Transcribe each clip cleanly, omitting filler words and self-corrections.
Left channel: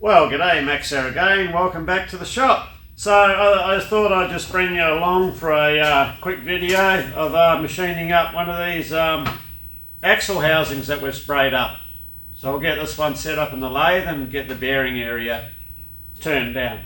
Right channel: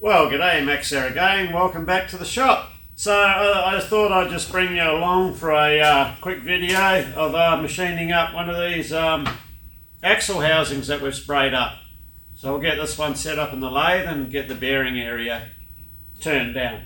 Well, g'day, Max here again. Welcome back to the shop. So I thought I'd just bring you along for a quick video of machining up one of these axle housings that we've sprayed up. So we'll get this one set up in the lathe and get the bearing area turned down.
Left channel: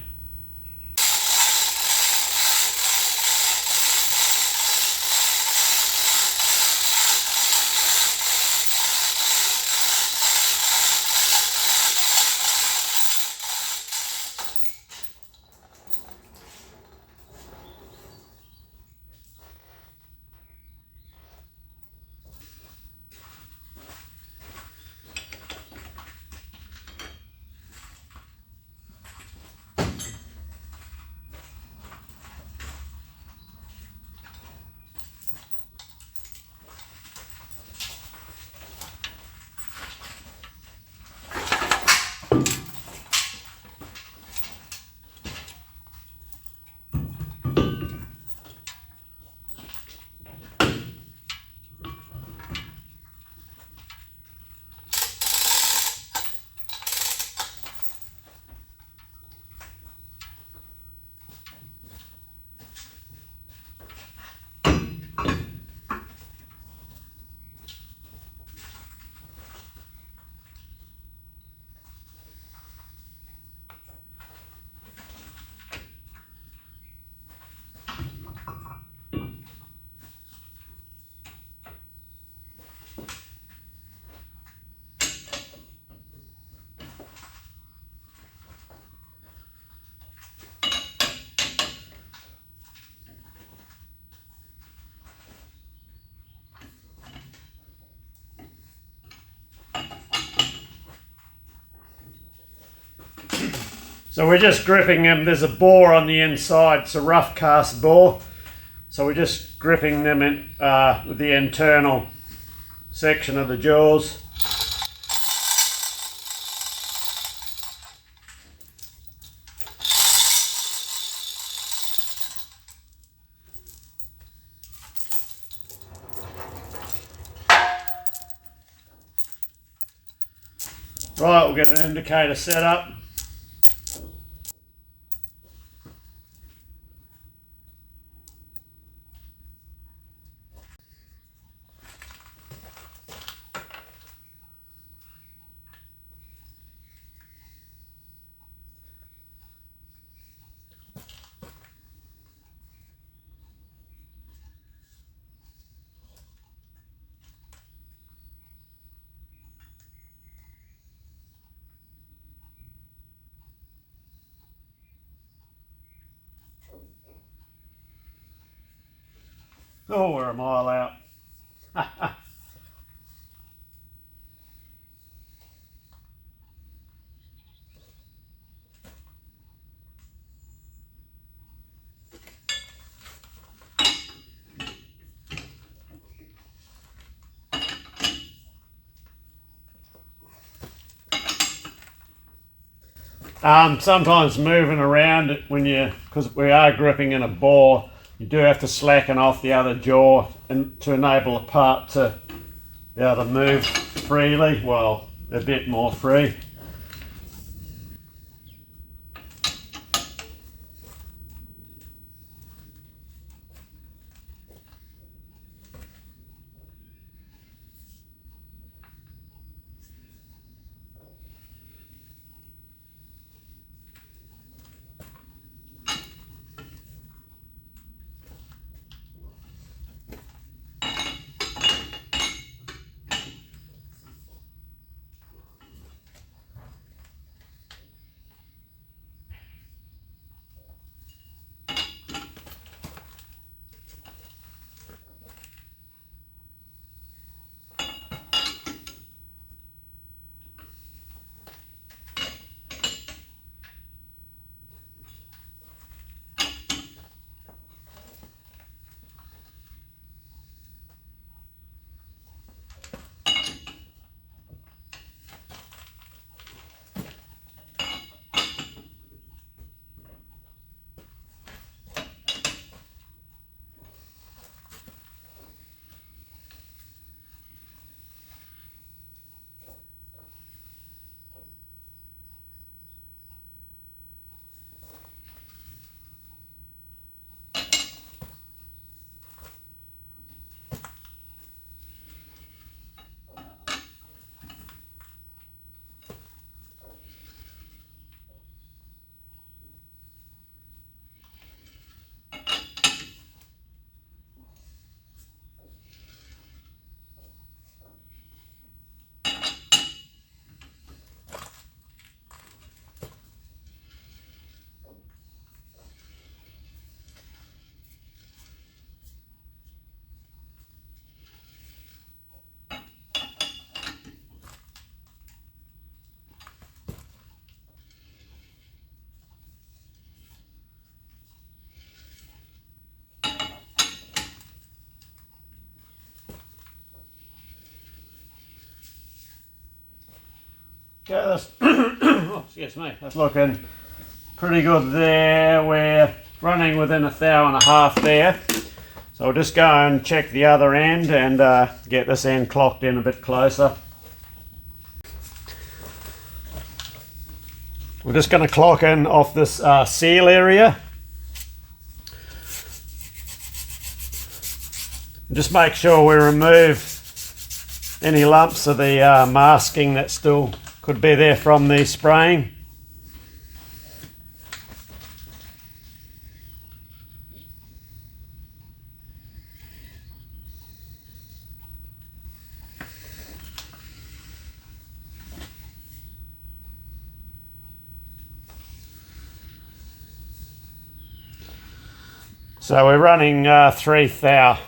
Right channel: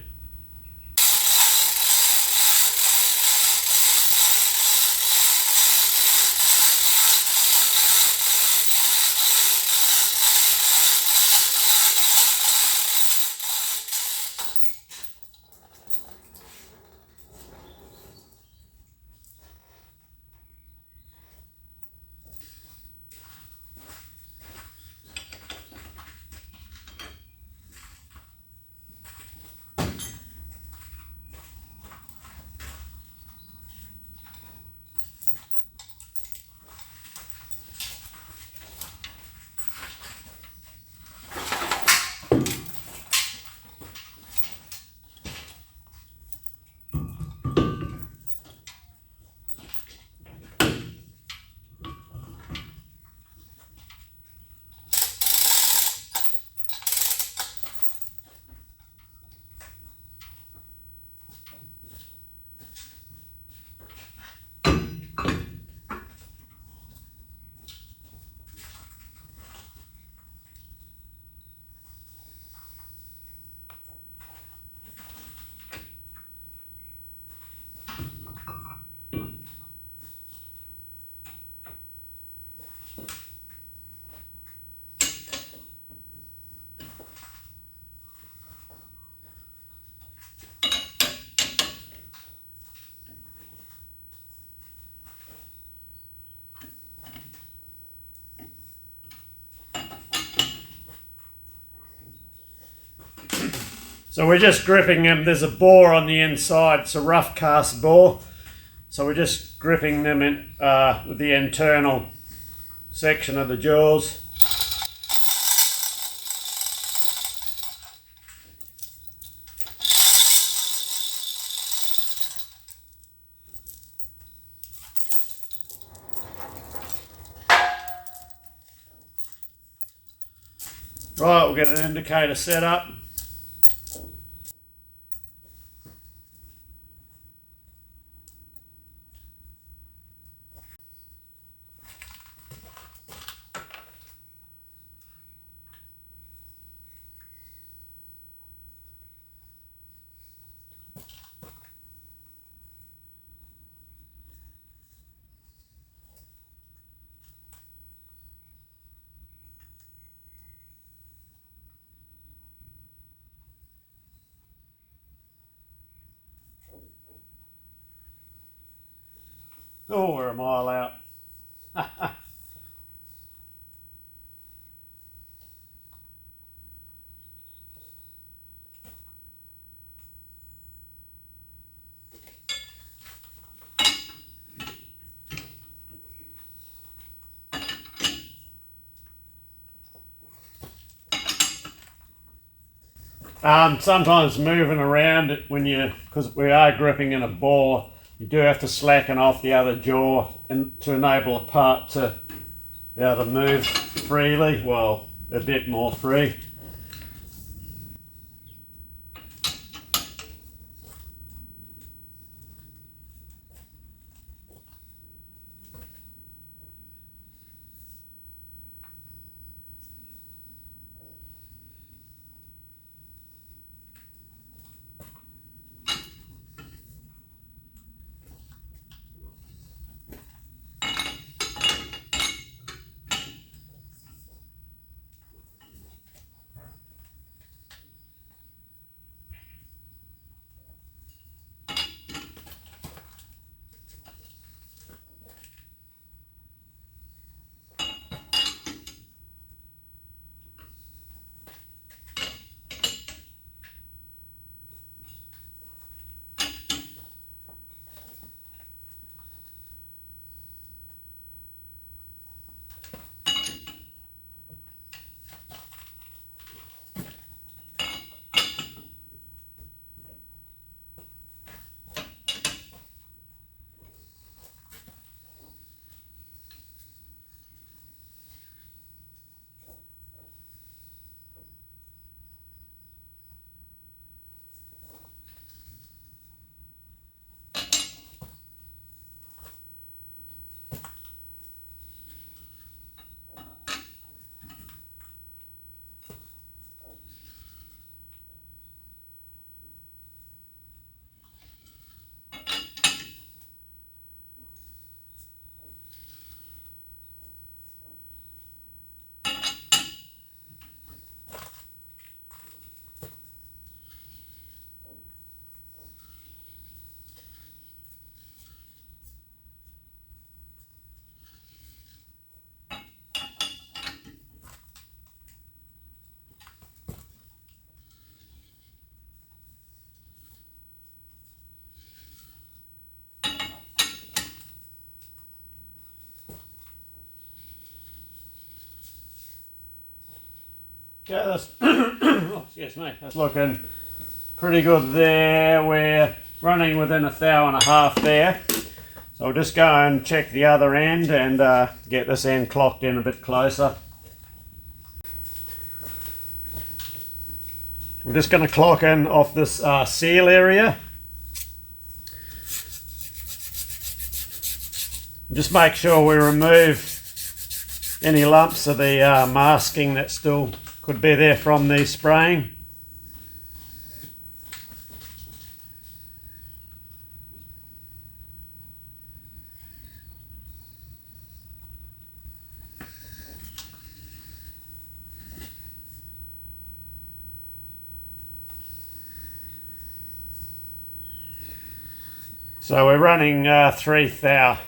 So we're just gripping them. There's a bore on the inside. It's a rough cast bore. So we're just gripping them in with the internal section of the jaws. Right, we'll get an indicator set up. Oh, we're a mile out. Sometimes moving around because we are gripping in a bore, you do have to slacken off the other jaw and to enable the part to be able to move freely, well, a bit more free. Okay, that's oh, excuse me, that's looking pretty good there. We're running within 1.5 hours there. So we'll just go and check the other end and get this end clocked in a bit closer. We're just going to clock in off this seal area. Just make sure we remove any lumps of the masking that still could be there from the spraying. So we're running 3 thou.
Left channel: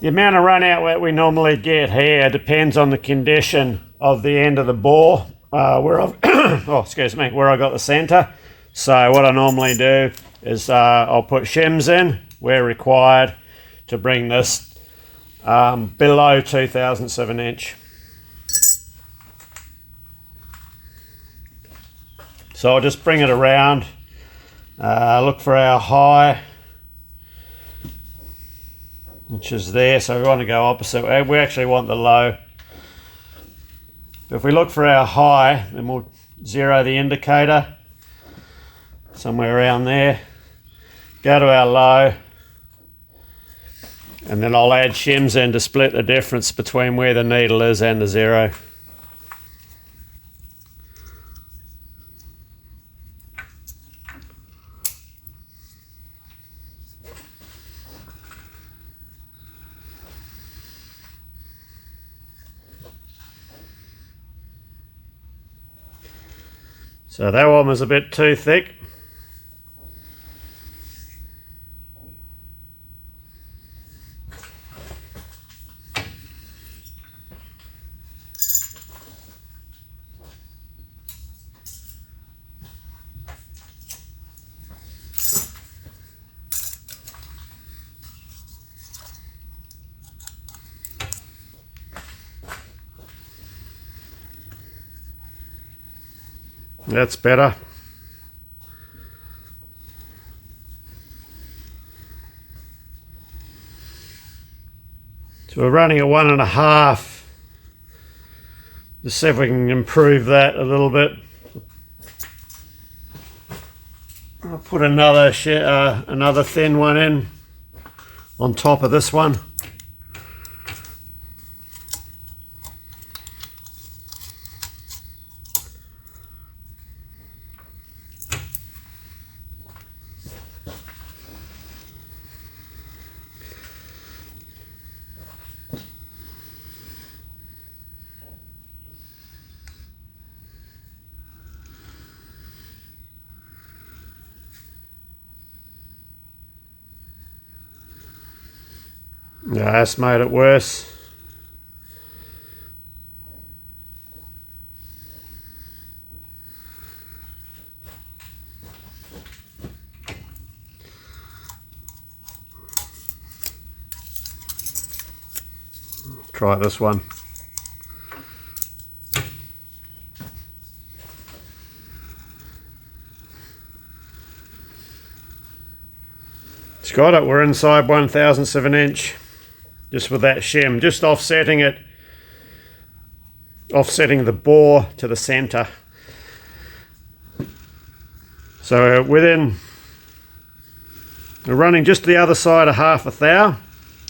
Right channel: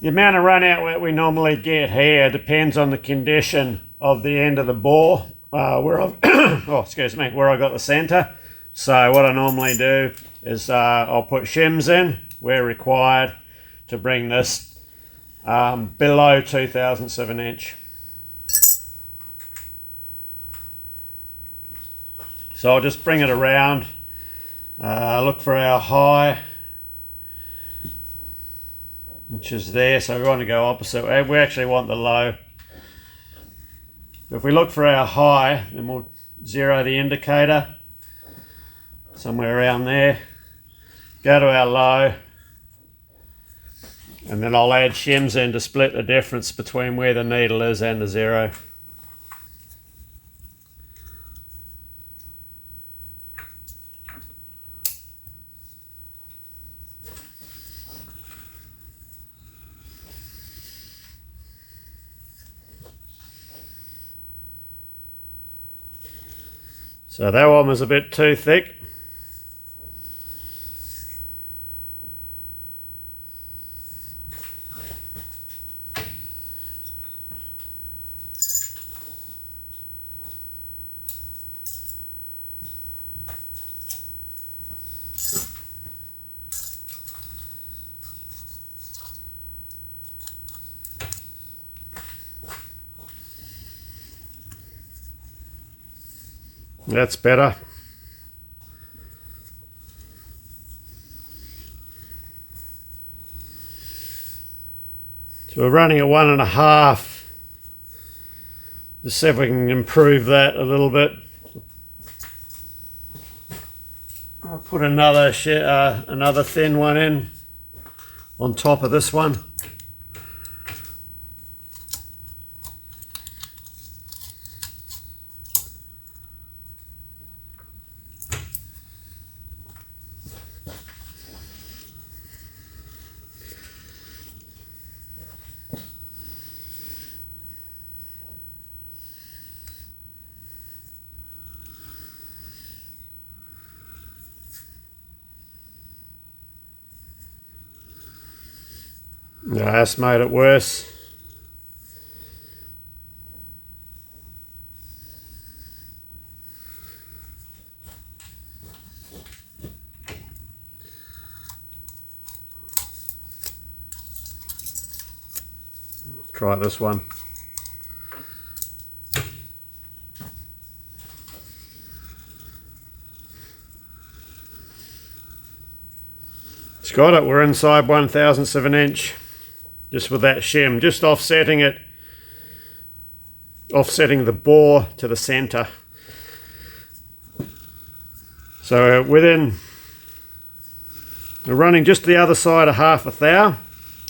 The amount of run out that we normally get here depends on the condition of the end of the bore, where I've where I got the center. So what I normally do is I'll put shims in where required to bring this below 2/1000 of an inch. So I'll just bring it around, look for our high, which is there, so we want to go opposite. We actually want the low. If we look for our high, then we'll zero the indicator somewhere around there. Go to our low, and then I'll add shims in to split the difference between where the needle is and the zero. So that one was a bit too thick. That's better. So we're running at 1.5. Just see if we can improve that a little bit. I'll put another thin one in on top of this one. Yeah, that's made it worse. Try this one. It's got it. We're inside 1/1000 of an inch. Just with that shim, just offsetting it, offsetting the bore to the center. So we're running just the other side of 1/2 thou.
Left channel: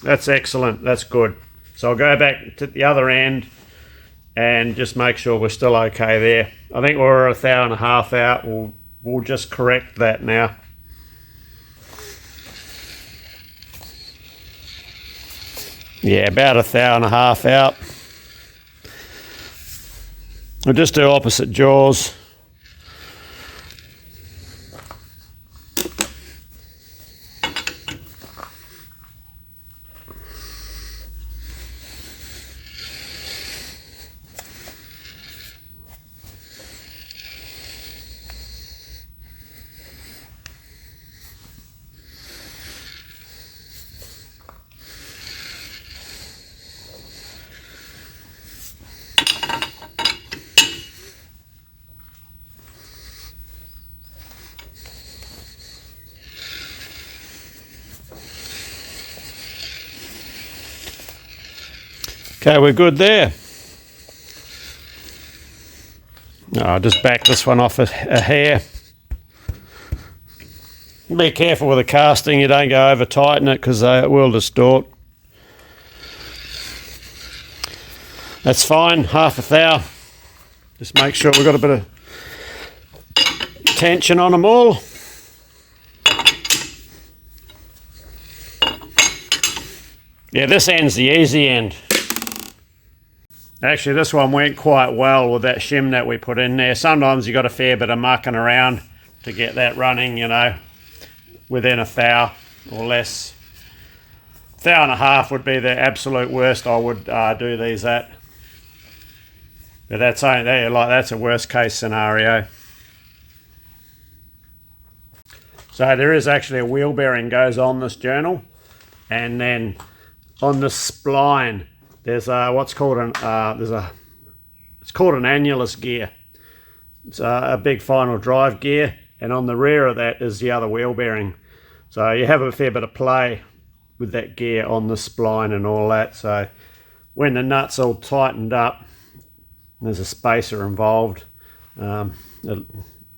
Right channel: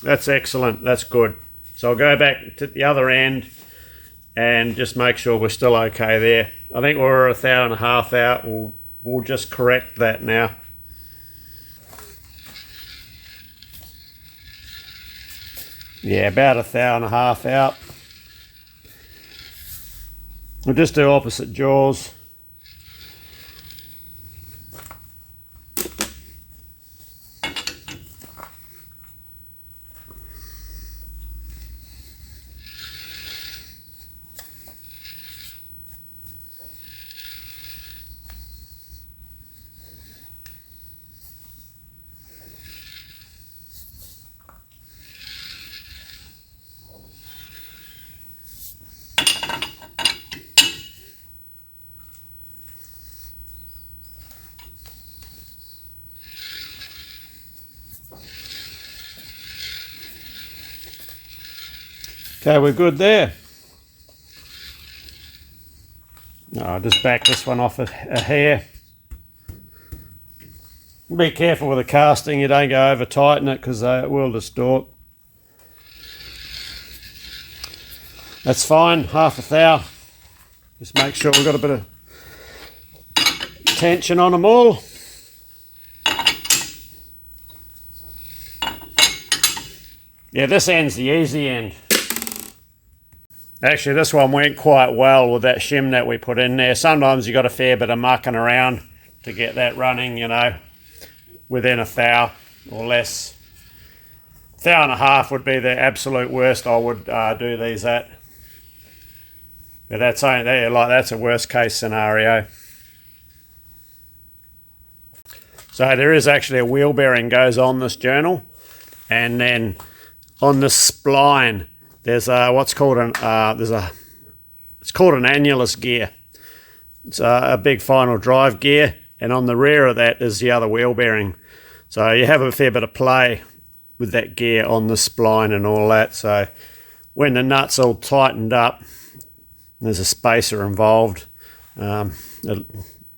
That's excellent, that's good. So I'll go back to the other end and just make sure we're still okay there. I think we're 1.5 thou out. We'll just correct that now. Yeah, about 1.5 thou out. We'll just do opposite jaws. Okay, we're good there. I'll just back this one off a hair. Be careful with the casting, you don't go over tighten it because it will distort. That's fine, half a thou. Just make sure we've got a bit of tension on them all. Yeah, this end's the easy end. Actually, this one went quite well with that shim that we put in there. Sometimes you got a fair bit of mucking around to get that running, you know, within a thou or less. Thou and a half would be the absolute worst I would do these at. But that's only there, like that's a worst case scenario. So there is actually a wheel bearing goes on this journal, and then on this spline there's what's called an it's called an annulus gear. It's a big final drive gear, and on the rear of that is the other wheel bearing. So you have a fair bit of play with that gear on the spline and all that. So when the nut's all tightened up, there's a spacer involved. It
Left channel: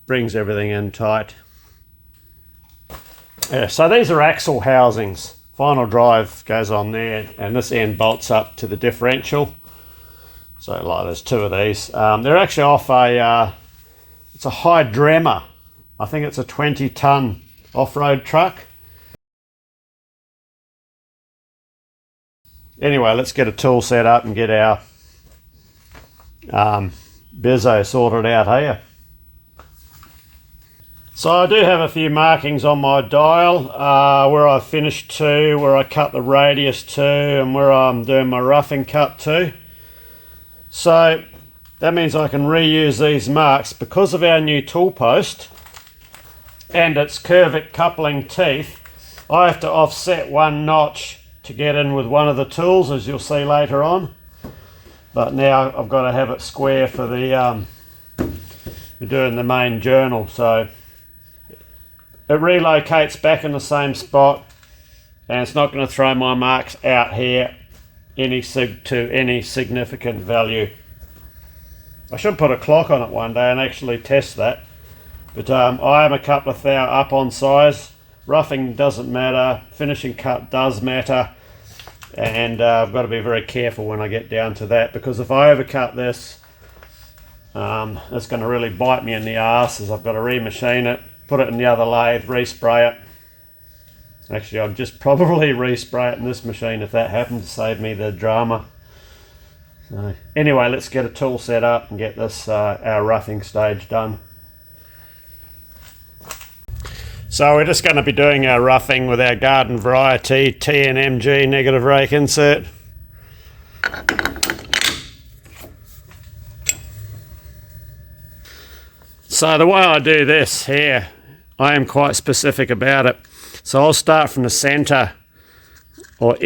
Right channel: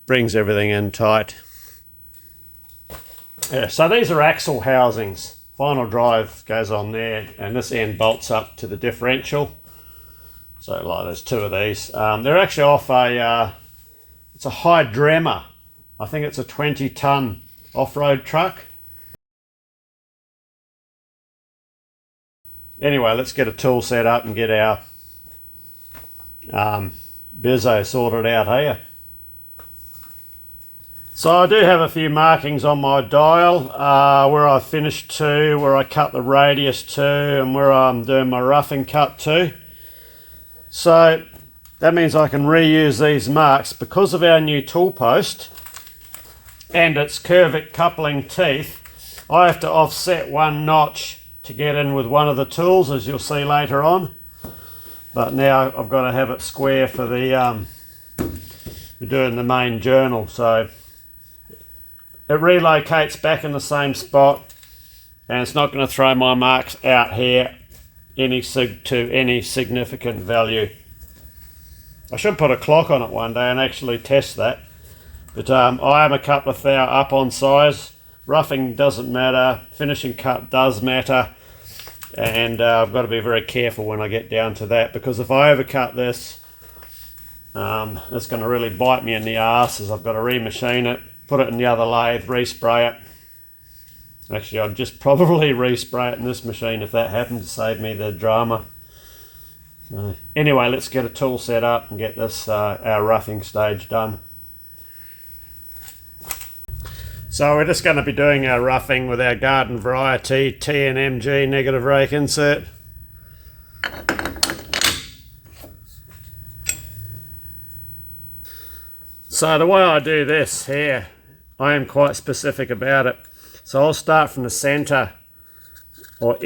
brings everything in tight. Yeah, so these are axle housings. Final drive goes on there, and this end bolts up to the differential. So like there's two of these. They're actually off it's a Hydrema. I think it's a 20-ton off-road truck. Anyway, let's get a tool set up and get our Bizzo sorted out here. So I do have a few markings on my dial where I finished to, where I cut the radius to, and where I'm doing my roughing cut to. So that means I can reuse these marks because of our new tool post and its curvic coupling teeth. I have to offset one notch to get in with one of the tools, as you'll see later on. But now I've got to have it square for the for doing the main journal. So it relocates back in the same spot, and it's not going to throw my marks out here to any significant value. I should put a clock on it one day and actually test that. But I am a couple of thou up on size. Roughing doesn't matter, finishing cut does matter, and I've got to be very careful when I get down to that, because if I overcut this, it's going to really bite me in the arse, as I've got to remachine it, put it in the other lathe, respray it. Actually, I'd just probably respray it in this machine if that happened, to save me the drama. So, anyway, let's get a tool set up and get this our roughing stage done. So we're just going to be doing our roughing with our garden variety TNMG negative rake insert. So the way I do this here, I am quite specific about it. So I'll start from the centre, or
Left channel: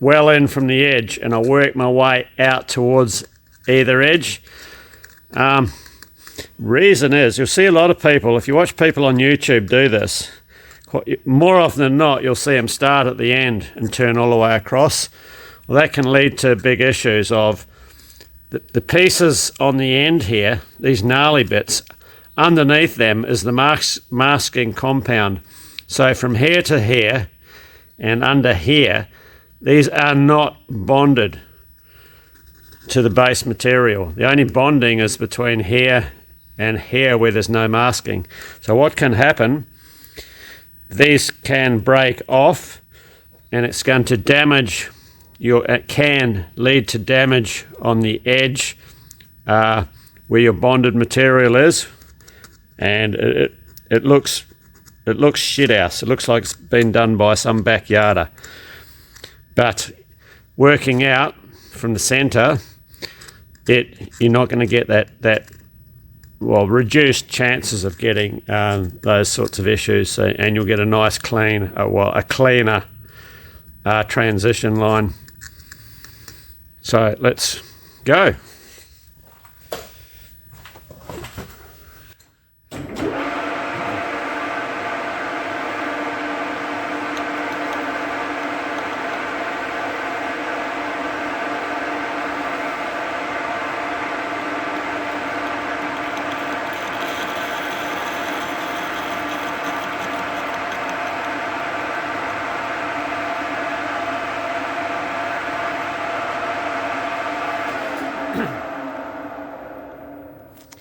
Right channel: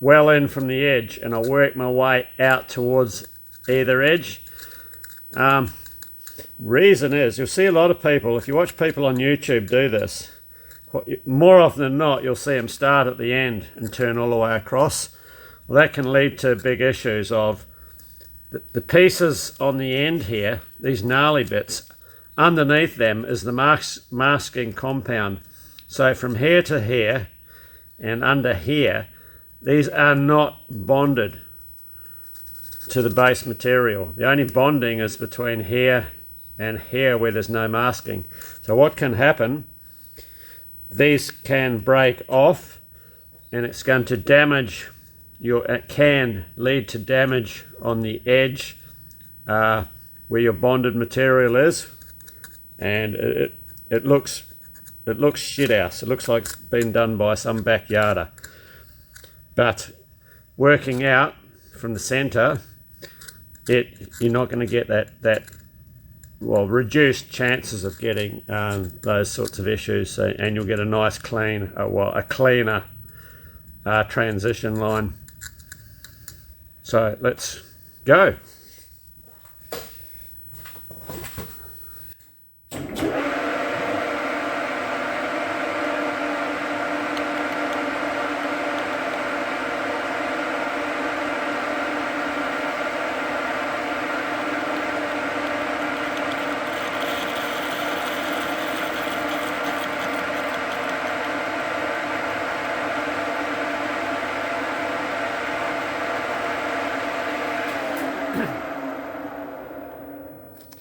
well in from the edge, and I'll work my way out towards either edge. Reason is, you'll see a lot of people, if you watch people on YouTube do this, more often than not you'll see them start at the end and turn all the way across. Well, that can lead to big issues of the pieces on the end here, these gnarly bits, underneath them is the masking compound. So from here to here and under here, these are not bonded to the base material. The only bonding is between here and here, where there's no masking. So what can happen, these can break off, and it's going to damage it can lead to damage on the edge where your bonded material is, and it looks shit house. It looks like it's been done by some backyarder. But working out from the center, you're not going to get that reduced chances of getting those sorts of issues. So, and you'll get a nice clean, a cleaner transition line. So let's go.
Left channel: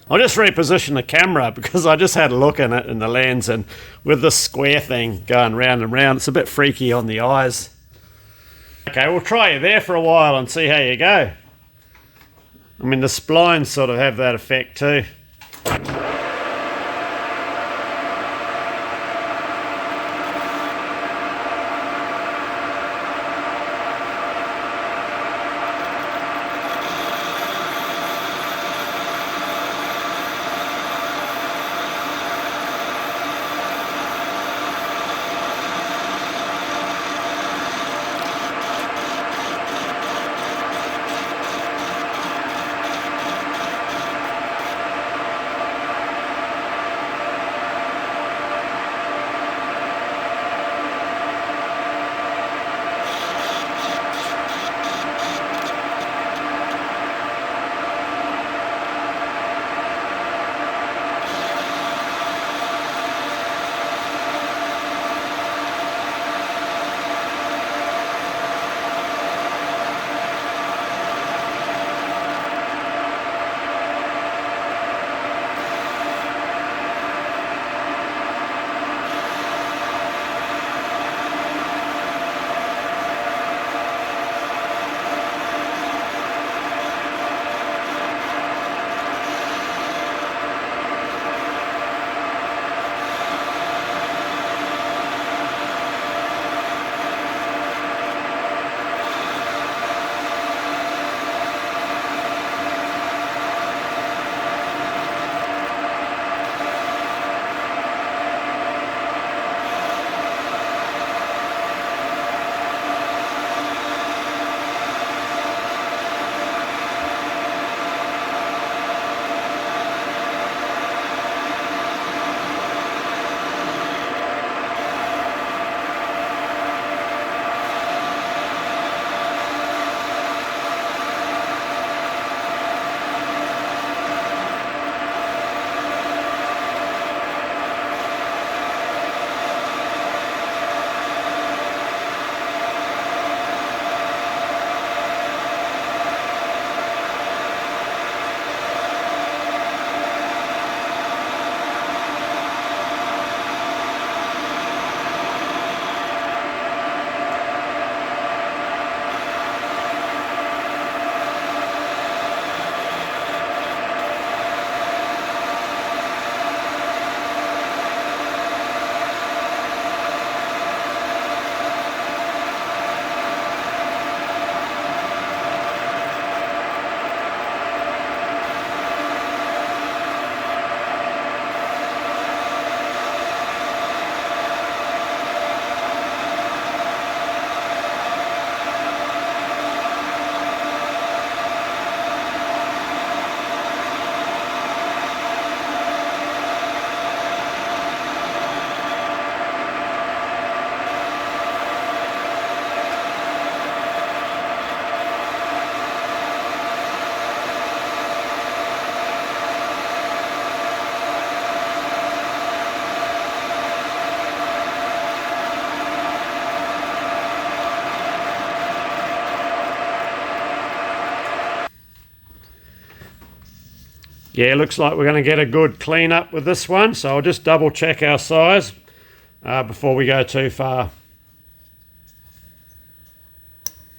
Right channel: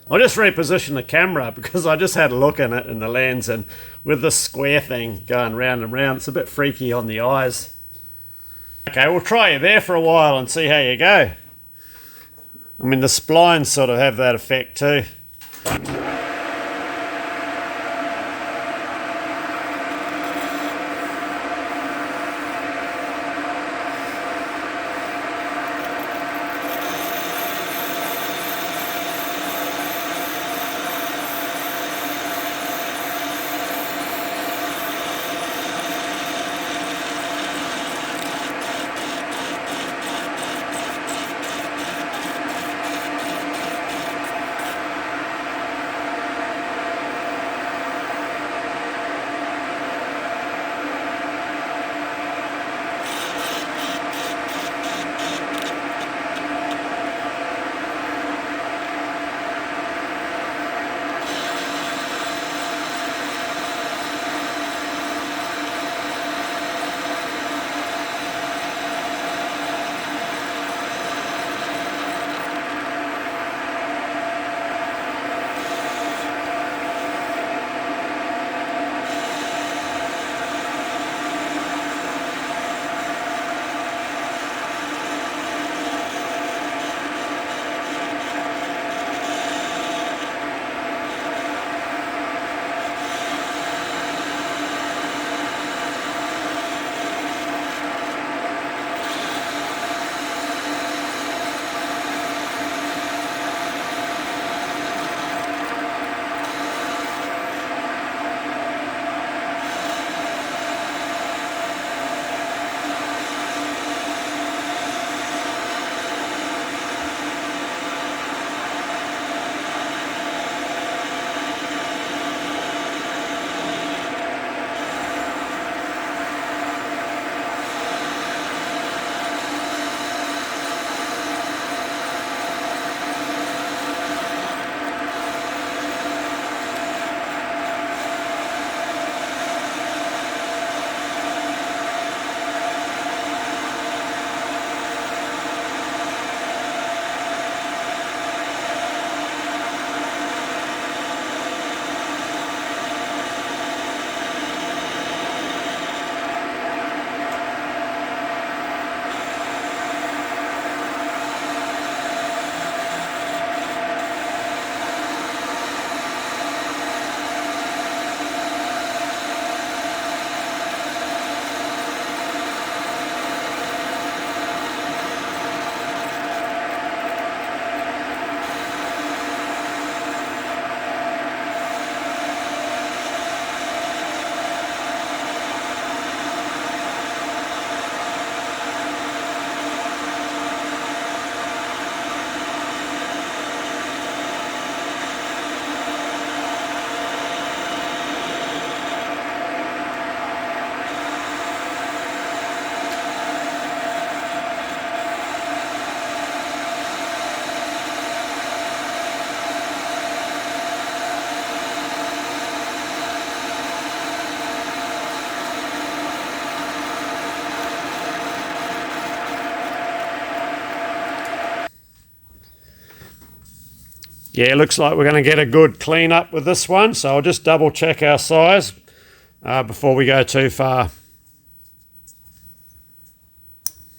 I'll just reposition the camera because I just had a look in it in the lens, and with this square thing going round and round, it's a bit freaky on the eyes. Okay, we'll try you there for a while and see how you go. I mean, the splines sort of have that effect too. Yeah, it looks like we're going to get a good clean up with this one, so I'll just double check our size before we go too far.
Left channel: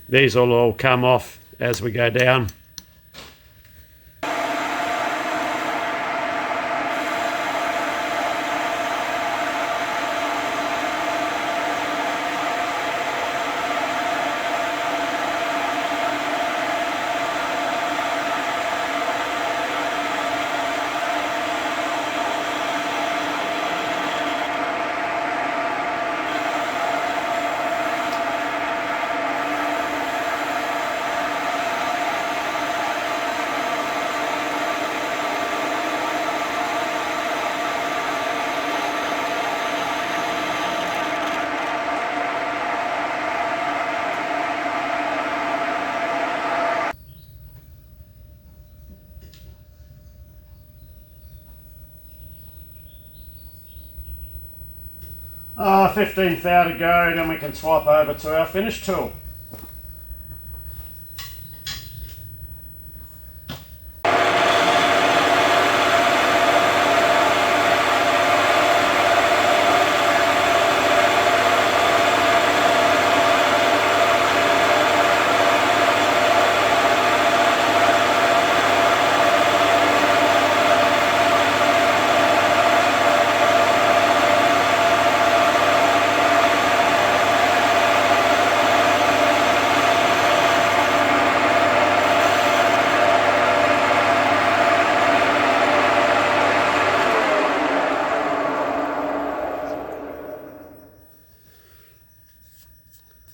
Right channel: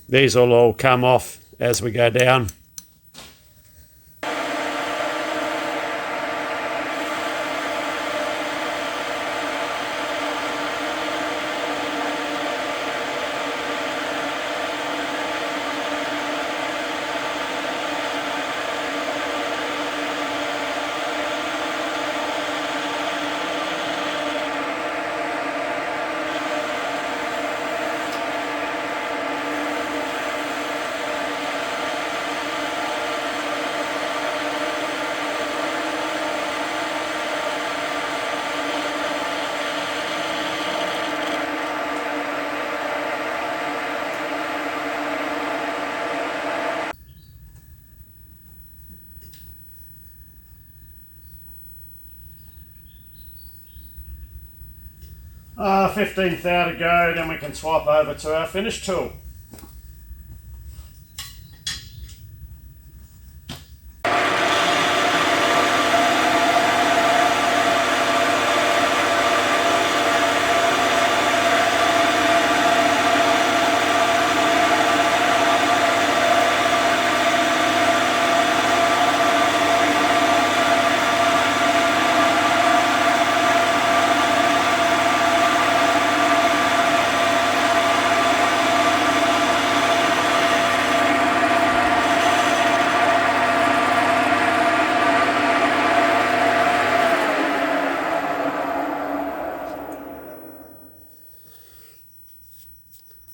These will all come off as we go down. Oh, 15th thou to go, then we can swap over to our finish tool.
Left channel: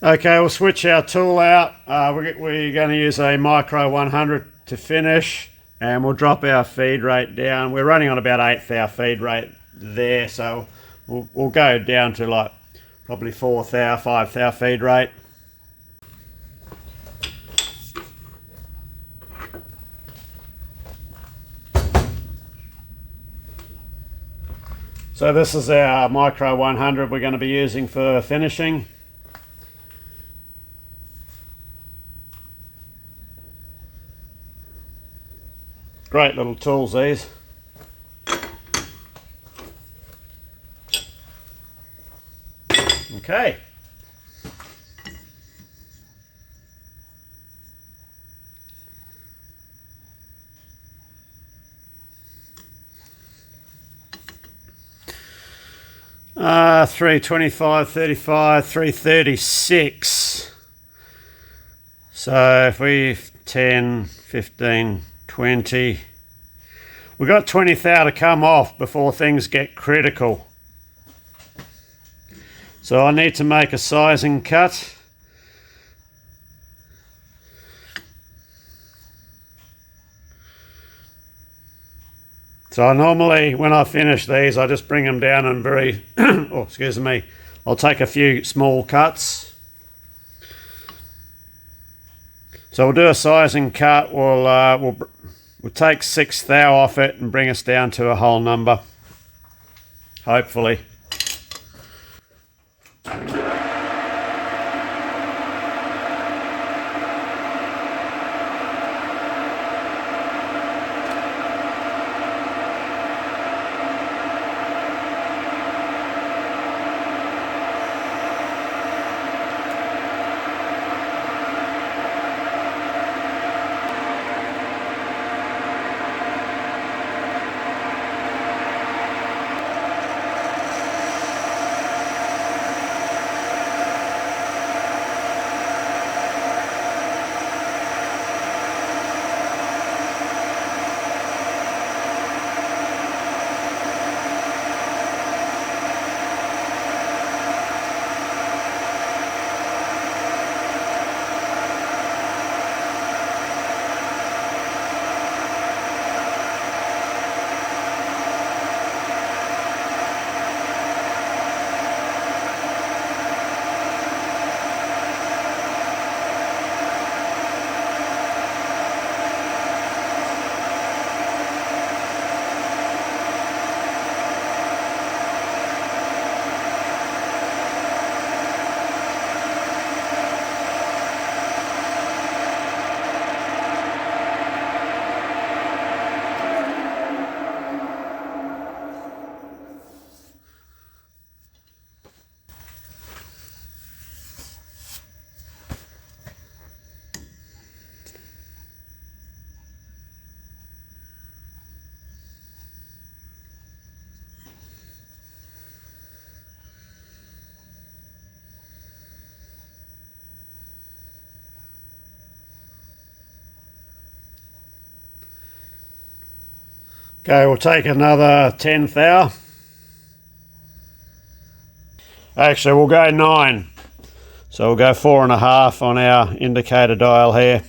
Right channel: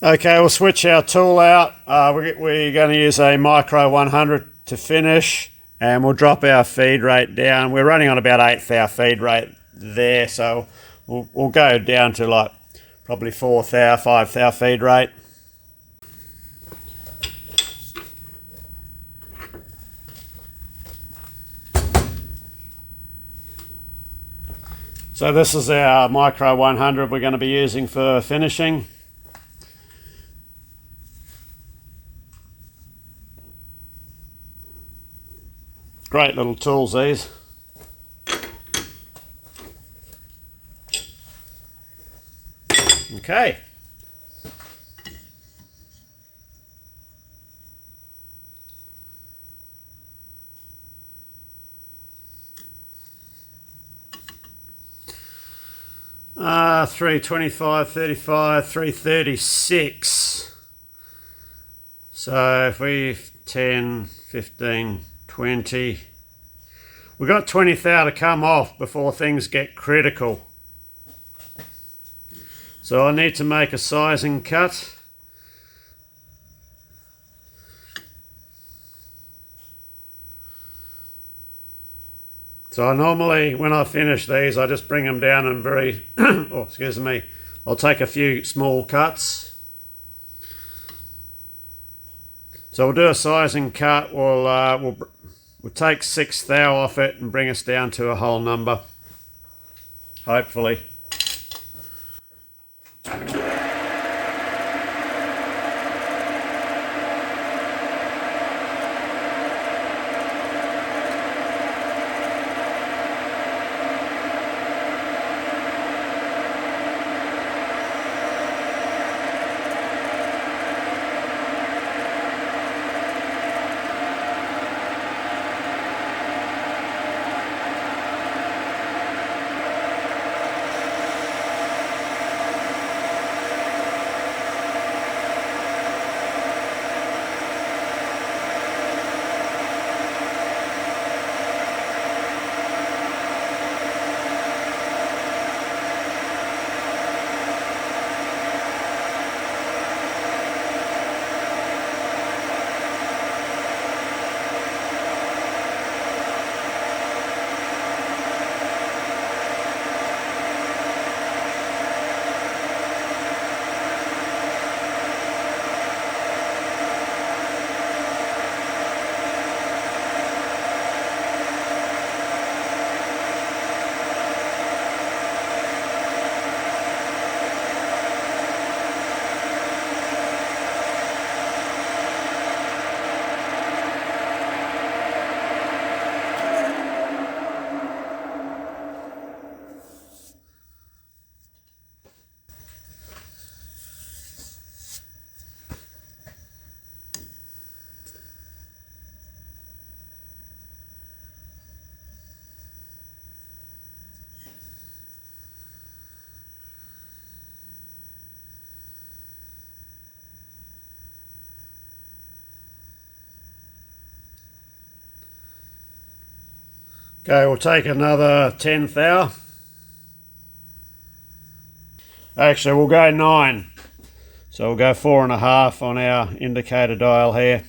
Okay, we'll switch our tool out. We're going to use a micro 100 to finish, and we'll drop our feed rate down. We're running on about 1/8 thou feed rate there, so we'll go down to like probably 4 thou, 5 thou feed rate. So this is our micro 100 we're going to be using for finishing. Great little tools these. Okay. Uh, 325, 35, 336. So if we 10, 15, 20, we've got 20 thou to come off before things get critical. So I need to make a sizing cut. So normally when I finish these, I just bring them down and oh, excuse me, I'll take a few small cuts. So we'll do a sizing cut. We'll take 6 thou off it and bring us down to a whole number, hopefully. Okay, we'll take another 10 thou. Actually, we'll go 9. So we'll go 4.5 on our indicator dial here.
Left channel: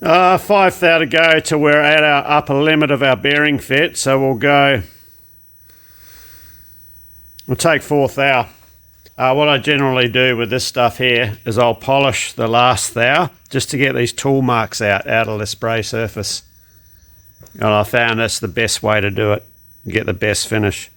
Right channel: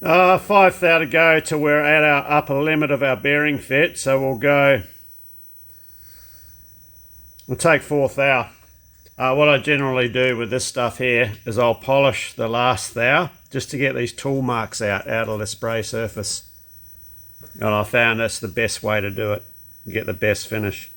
5 thou to go till we're at our upper limit of our bearing fit, so we'll take 4 thou. What I generally do with this stuff here is I'll polish the last thou just to get these tool marks out of the spray surface. And I found that's the best way to do it, get the best finish.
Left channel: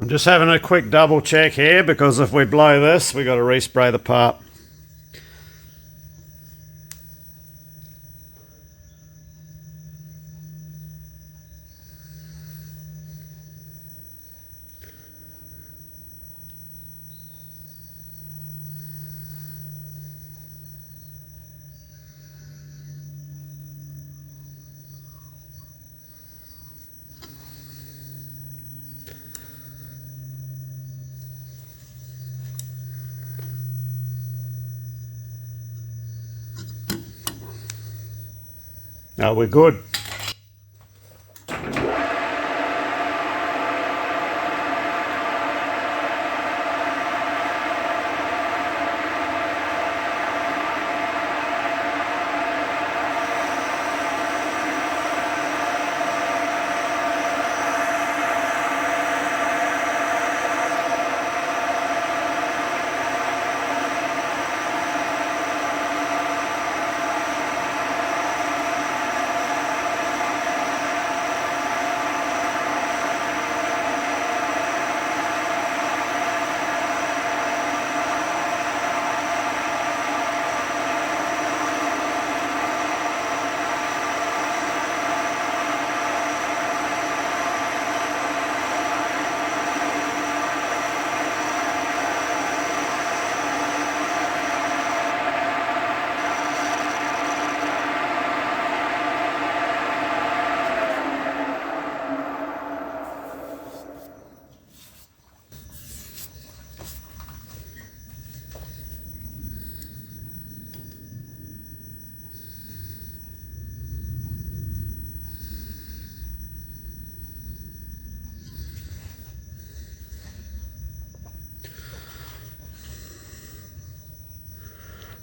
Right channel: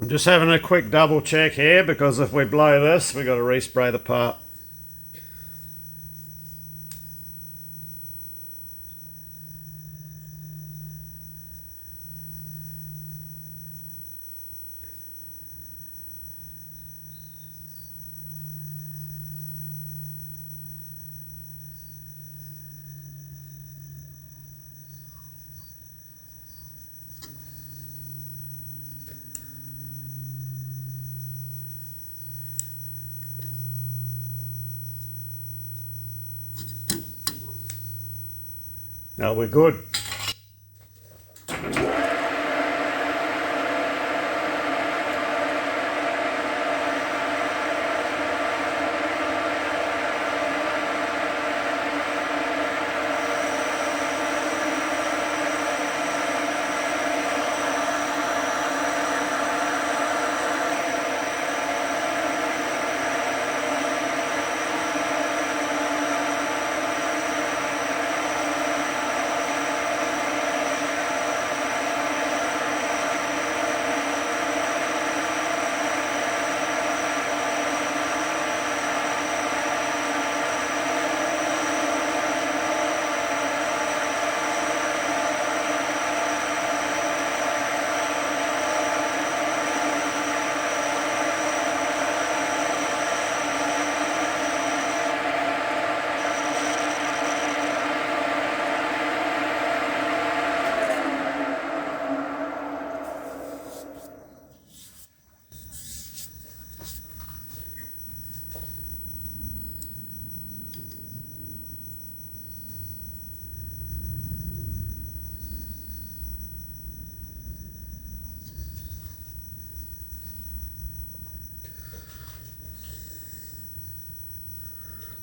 I'm just having a quick double check here because if we blow this, we've got to respray the part. No, we're good.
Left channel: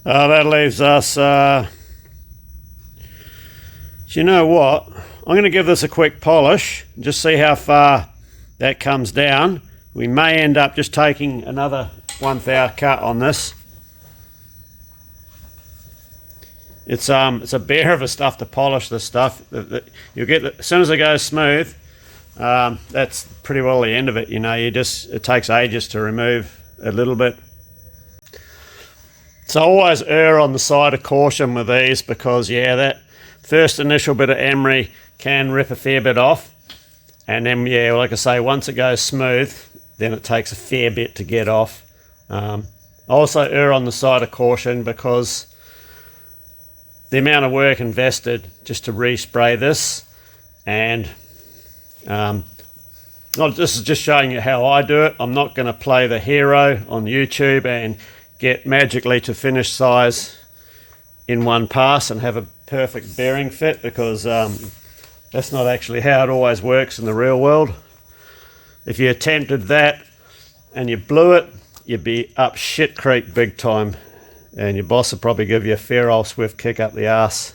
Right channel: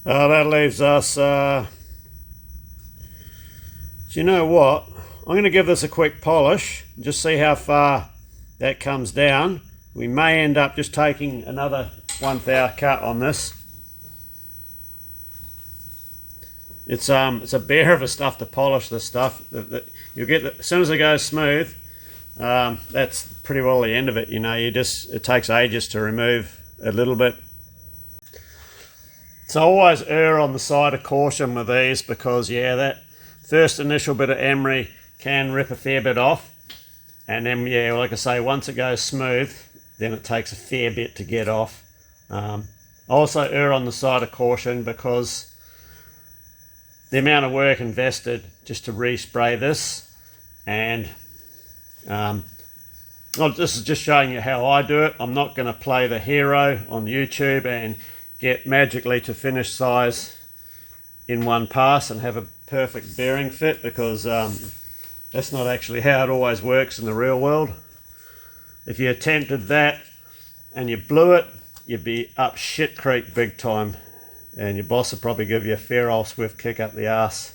That leaves us, do you know what? I'm going to give this a quick polish, just see how far that comes down. We may end up just taking another 1 thou cut on this. It's a bear of a stuff to polish this stuff. You'll get as soon as it goes smooth, that's pretty well the end of it. You know, it takes ages to remove a little bit. So always err on the side of caution with these because, yeah, that first initial bit of emery can rip a fair bit off. And then, yeah, like I say, once it goes smooth, then it takes a fair bit to get off. I also err on the side of caution because the amount of work invested just to respray this, and this is just showing you how I do it. I'm not going to play the hero on YouTube and get magically to finish size in one pass and have a perfect bearing fit, because that's not actually how it always works in the real world. If you attempted that and you blew it, you'd be up shit creek big time, and your boss will probably give you a fair old swift kick up the arse.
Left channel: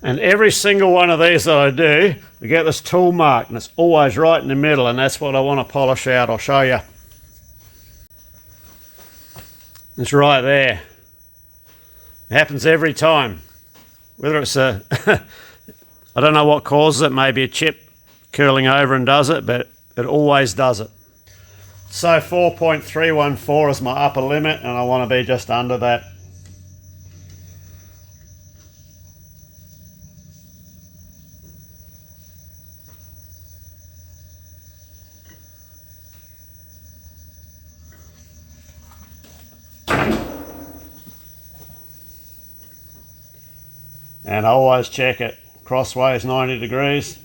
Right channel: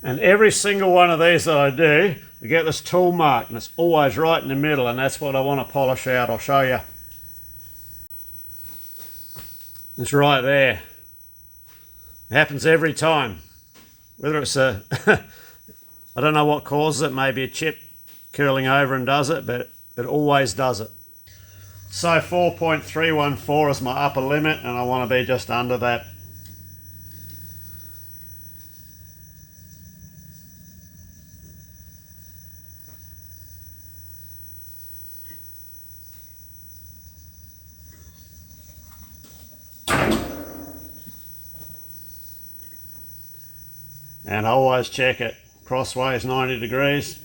And every single one of these that I do, we get this tool mark, and it's always right in the middle, and that's what I want to polish out. I'll show you. It's right there. It happens every time. Whether it's a, I don't know what causes it, maybe a chip curling over and does it, but it always does it. So 4.314 is my upper limit, and I want to be just under that. And I always check it crossways 90 degrees.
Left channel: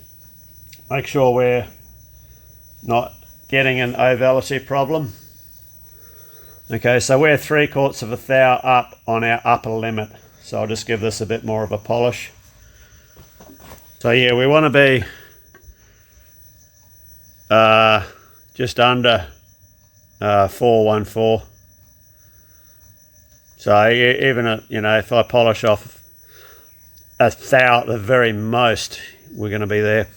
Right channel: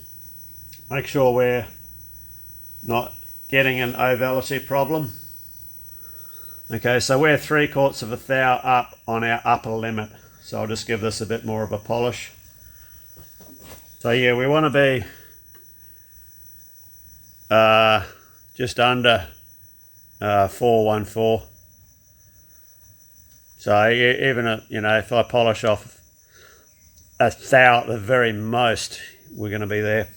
Make sure we're not getting an ovality problem. Okay, so we're 3/4 of a thou up on our upper limit. So I'll just give this a bit more of a polish. So yeah, we want to be just under 414. So even if I polish off a thou at the very most, we're going to be there.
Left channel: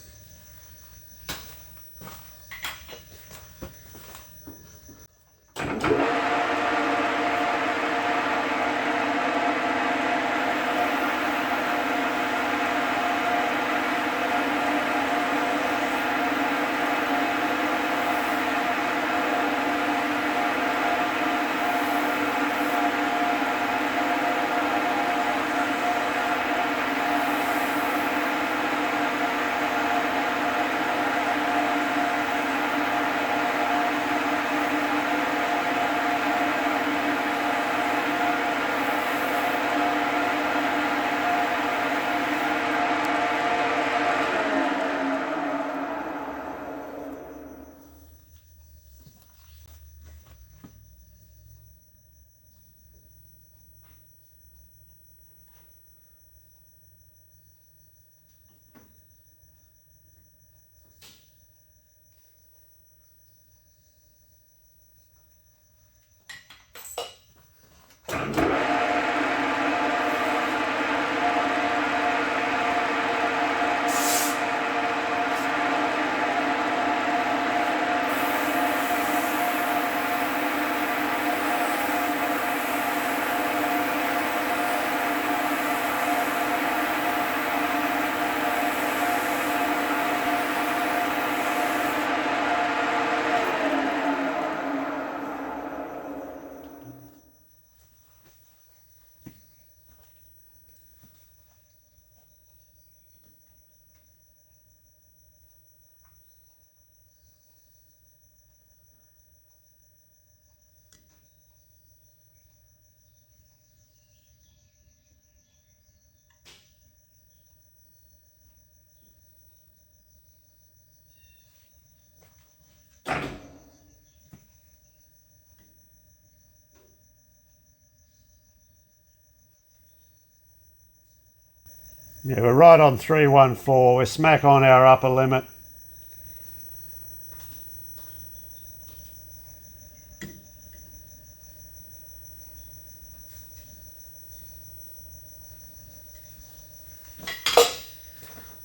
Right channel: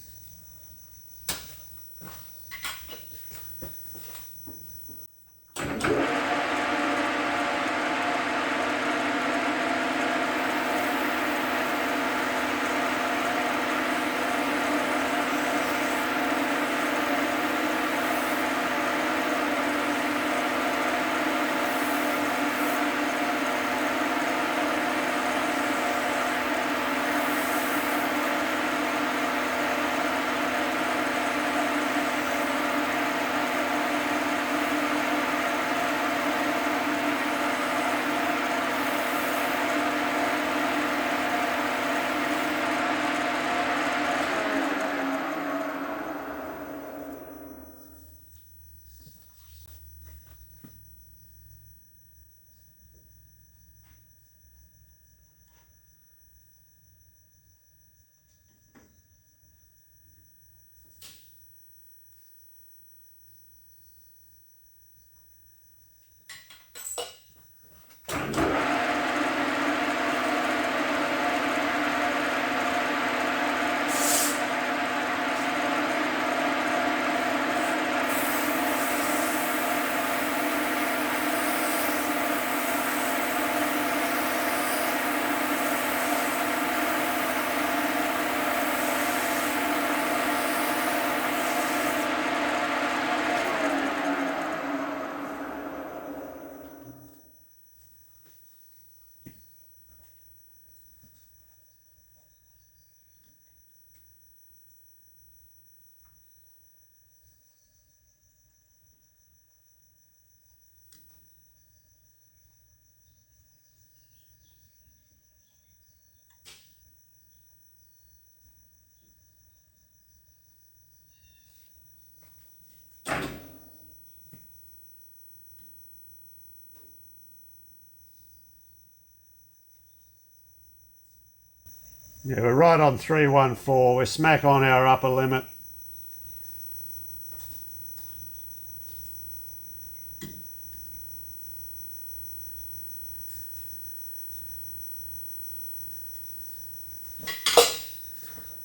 Yeah, we're right on 314. We're smack on our upper limit.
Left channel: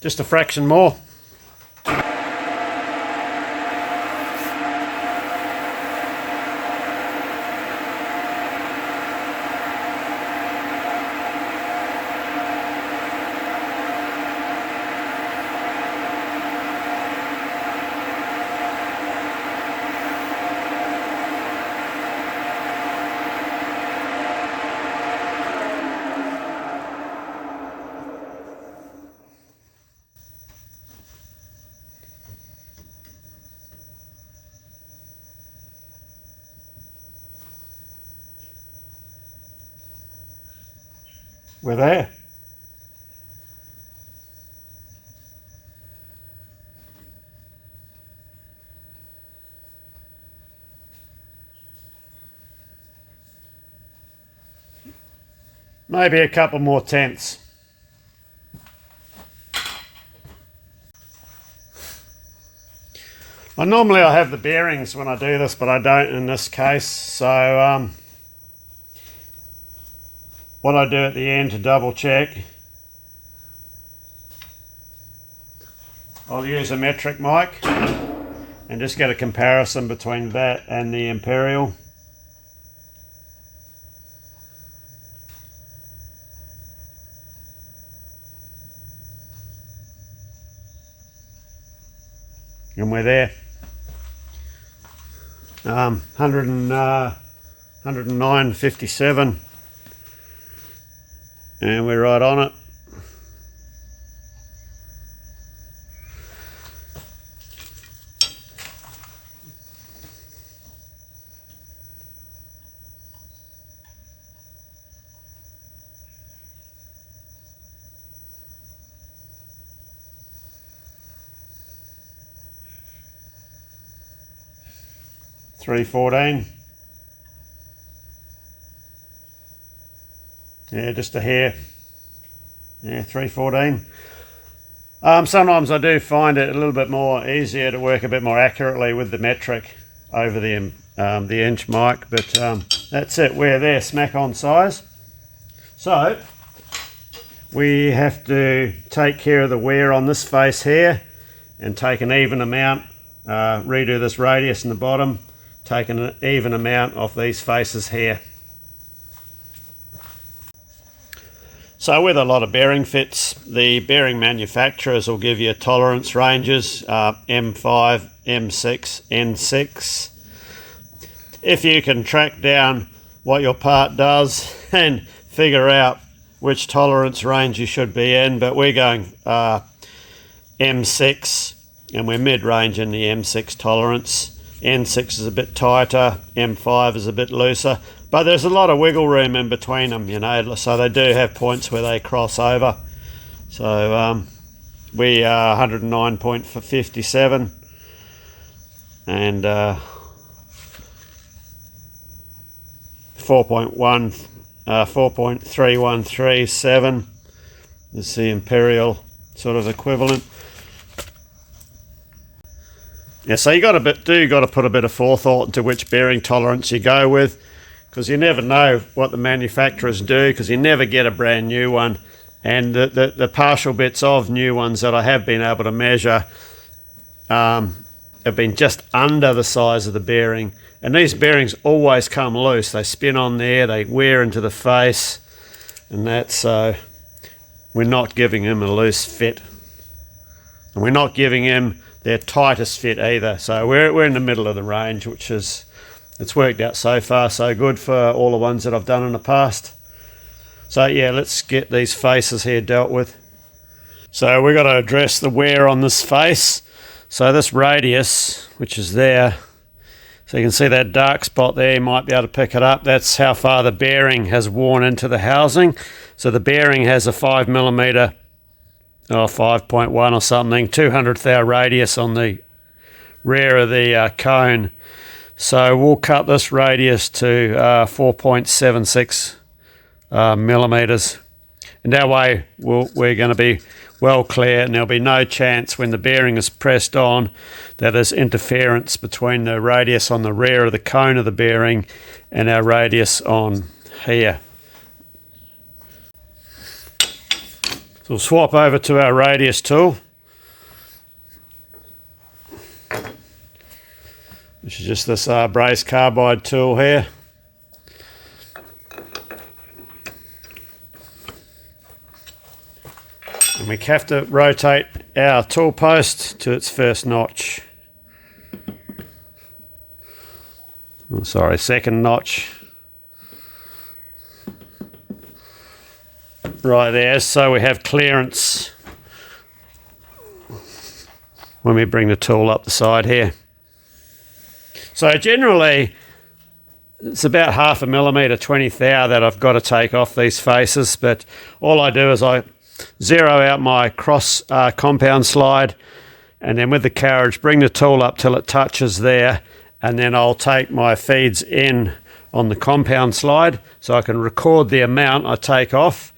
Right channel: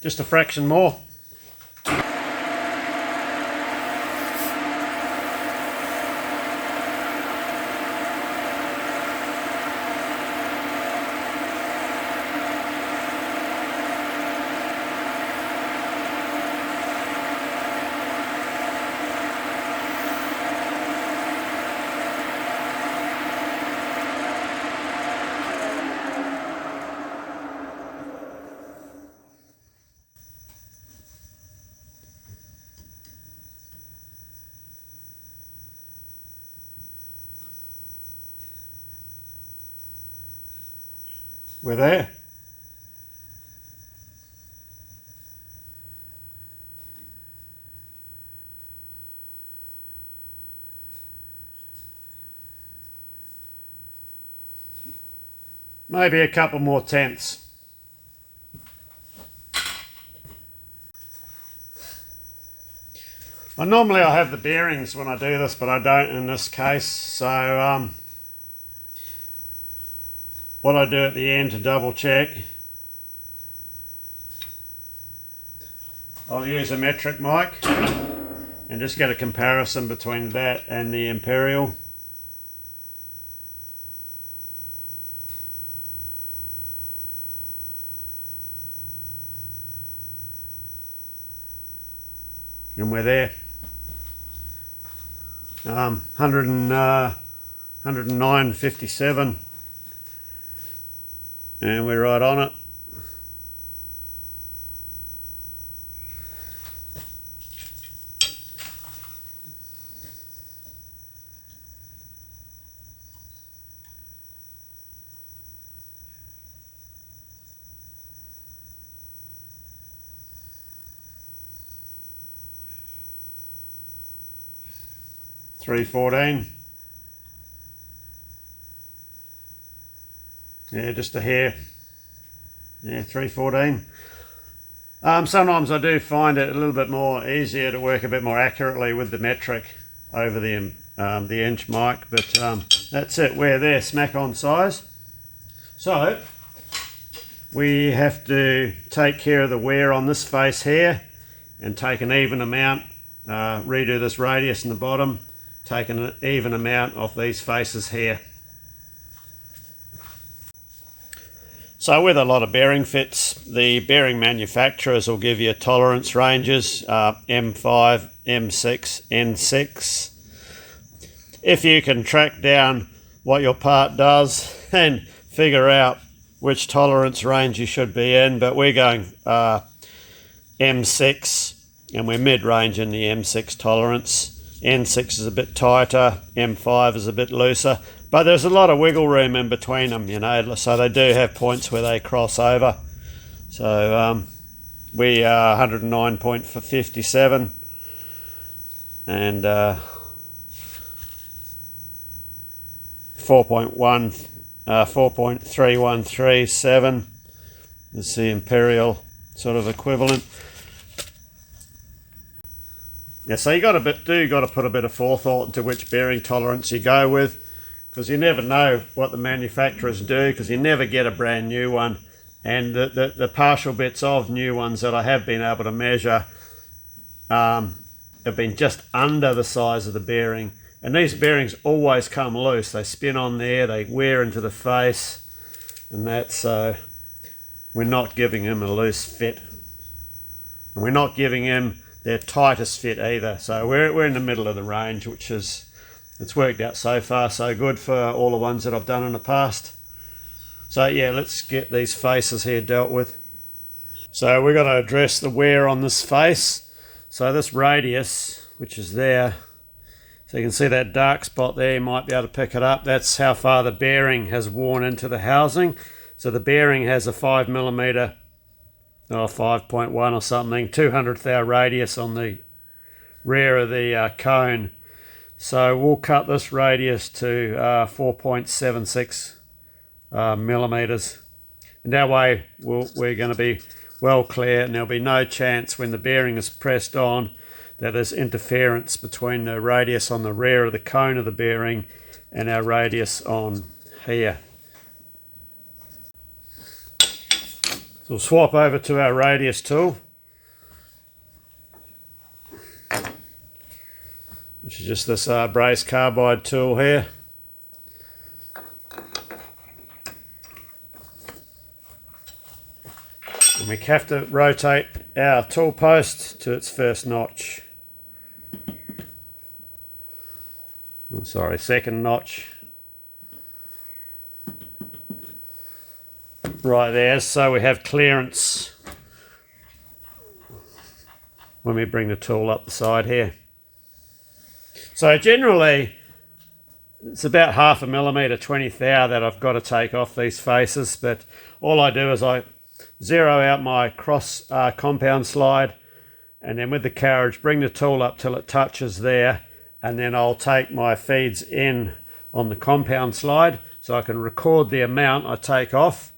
Just a fraction more. We're there. Maybe a couple more tenths. Normally I have the bearings when I do this, but I don't in this case. So what I do at the end to double check I'll use a metric mic and just get a comparison between that and the imperial. And we're there. 109.57, and we're right on it. $3.14. Yeah, just a hair. Yeah, $3.14. Sometimes I do find it a little bit more easier to work a bit more accurately with the metric over the inch mic, but that's it. We're there, smack on size. So we have to take care of the wear on this face here and take an even amount, redo this radius in the bottom, take an even amount off these faces here. So with a lot of bearing fits, the bearing manufacturers will give you tolerance ranges, M5, M6, N6. If you can track down what your part does and figure out which tolerance range you should be in, but we're going M6 and we're mid-range in the M6 tolerance. N6 is a bit tighter, M5 is a bit looser, but there's a lot of wiggle room in between them, you know, so they do have points where they cross over. So we are 109.57 and 4.3137 is the imperial sort of equivalent. Yeah, so you got to put a bit of forethought into which bearing tolerance you go with, because you never know what the manufacturers do, because you never get a brand new one, and the partial bits of new ones that I have been able to measure have been just under the size of the bearing, and these bearings always come loose. They spin on there, they wear into the face, and that's so we're not giving him a loose fit, and we're not giving him their tightest fit either. So we're in the middle of the range, which is, it's worked out so far so good for all the ones that I've done in the past. So yeah, let's get these faces here dealt with. So we've got to address the wear on this face. So this radius, which is there, so you can see that dark spot there, you might be able to pick it up. That's how far the bearing has worn into the housing. So the bearing has a 5mm, 5.1 or something, 200th thou radius on the rear of the cone. So we'll cut this radius to 4.76 millimeters, and that way we're going to be well clear, and there'll be no chance when the bearing is pressed on that there's interference between the radius on the rear of the cone of the bearing and our radius on here. So we'll swap over to our radius tool, which is just this brace carbide tool here. And we have to rotate our tool post to its first notch. Oh, sorry, second notch. Right there, so we have clearance when we bring the tool up the side here. So generally it's about 0.5 millimeter, 20th thou that I've got to take off these faces, but all I do is I zero out my cross compound slide, and then with the carriage bring the tool up till it touches there, and then I'll take my feeds in on the compound slide so I can record the amount I take off,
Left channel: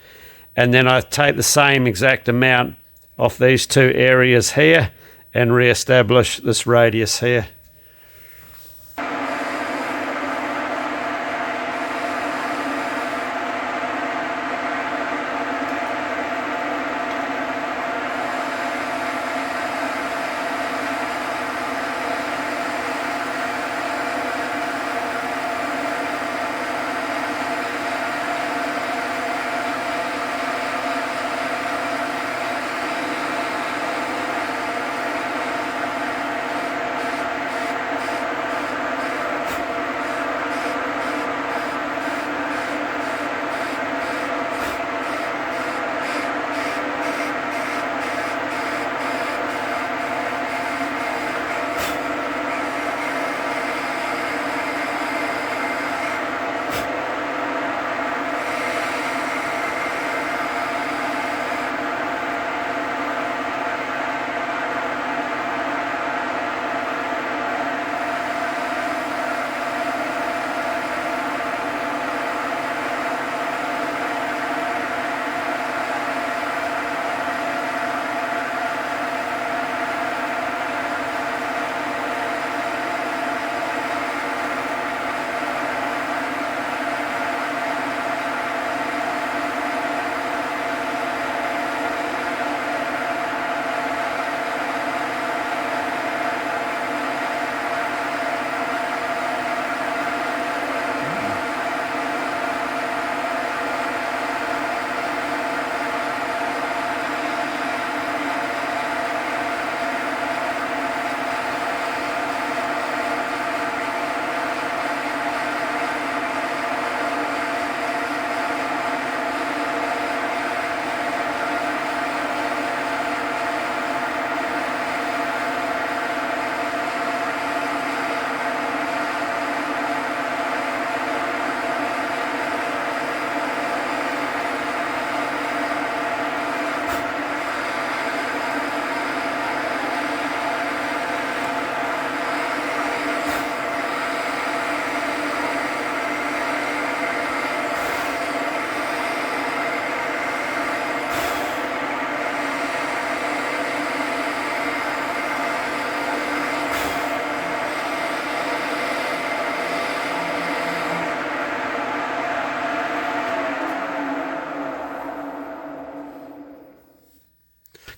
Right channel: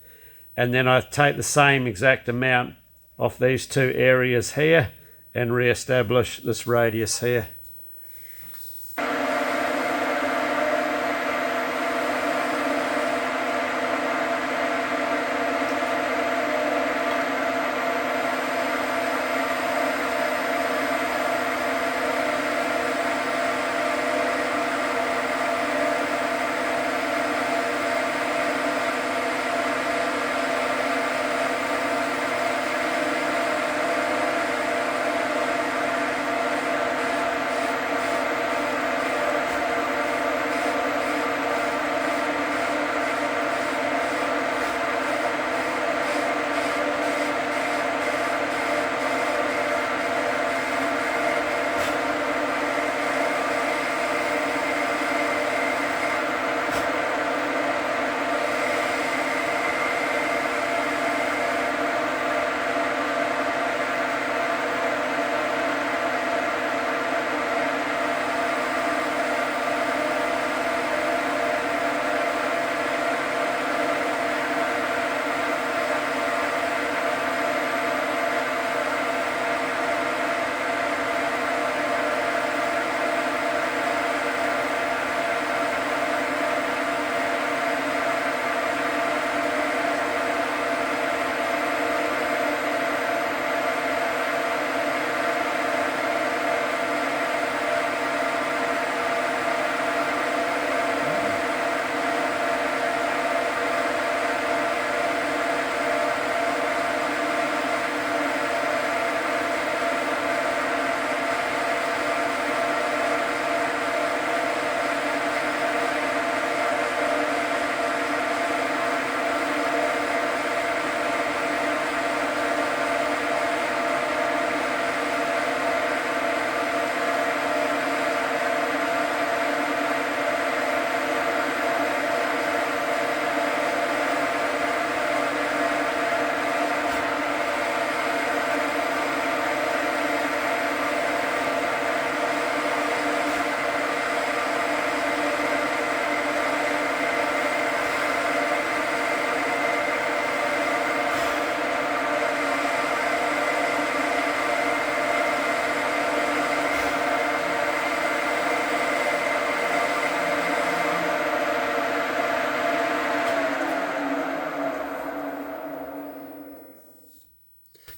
and then I take the same exact amount off these two areas here and re-establish this radius here.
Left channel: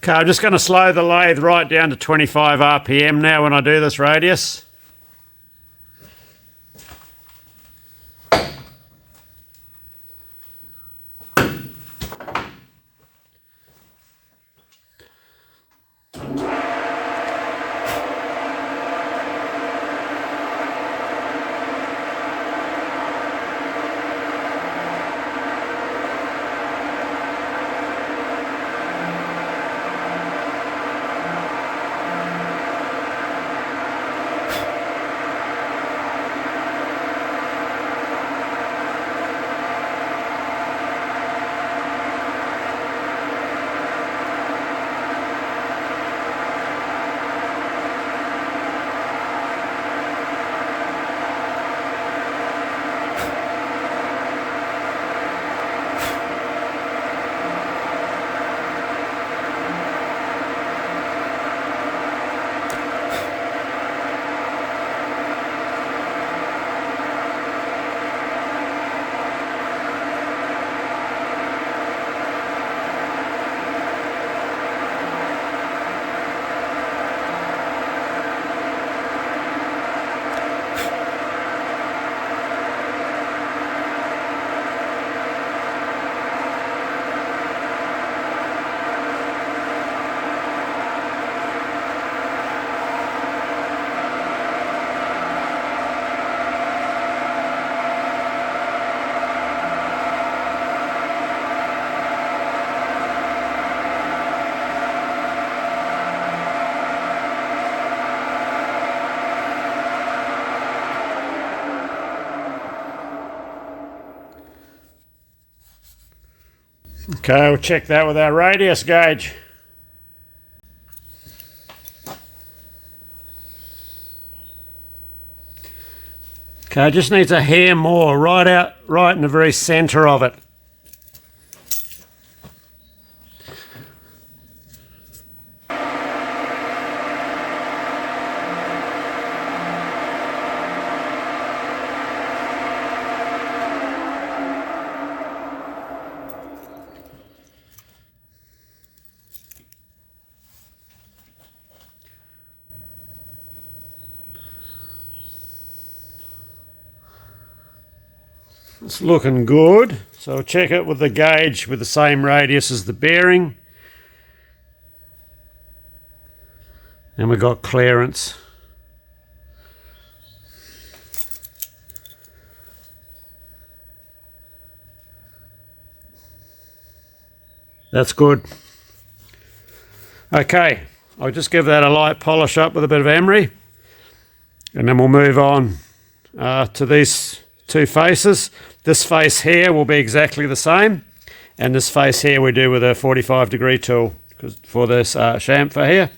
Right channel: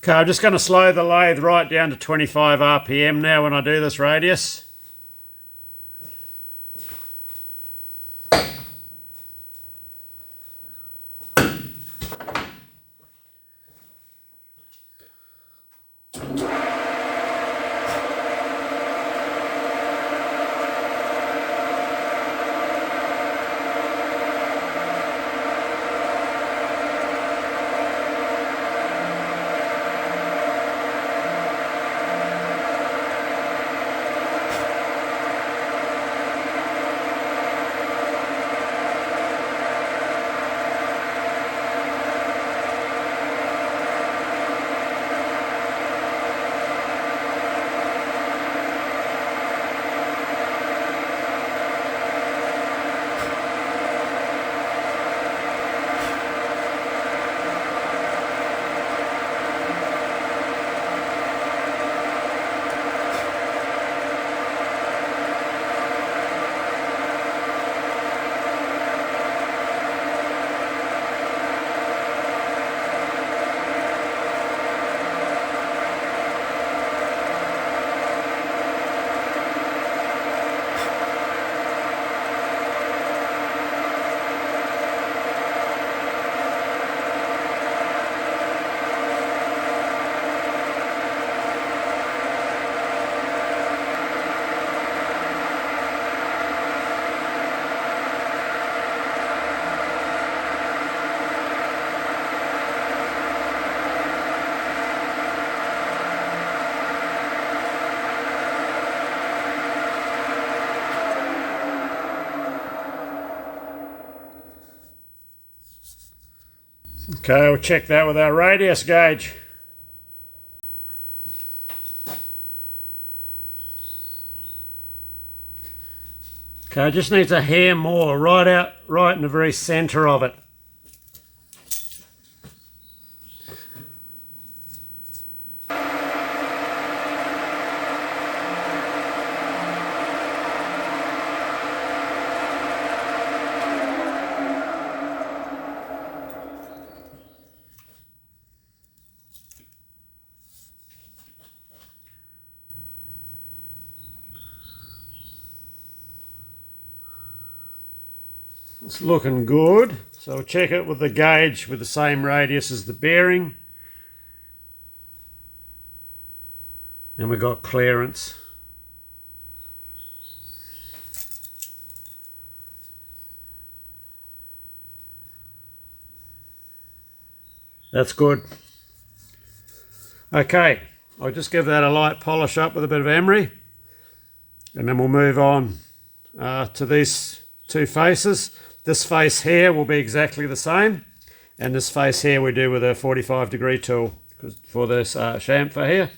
Okay, I'm just going to slow the lathe right down to 25 RPM now when I do this radius. Okay, we'll check that with our radius gauge. Okay, it just needs a hair more, right in the very centre of it. It's looking good, so I'll check it with the gauge with the same radius as the bearing. And we've got clearance. That's good. Okay, I'll just give that a light polish up with a bit of emery, and then we'll move on to these two faces. This face here will be exactly the same, and this face here we do with a 45-degree tool for this chamfer here.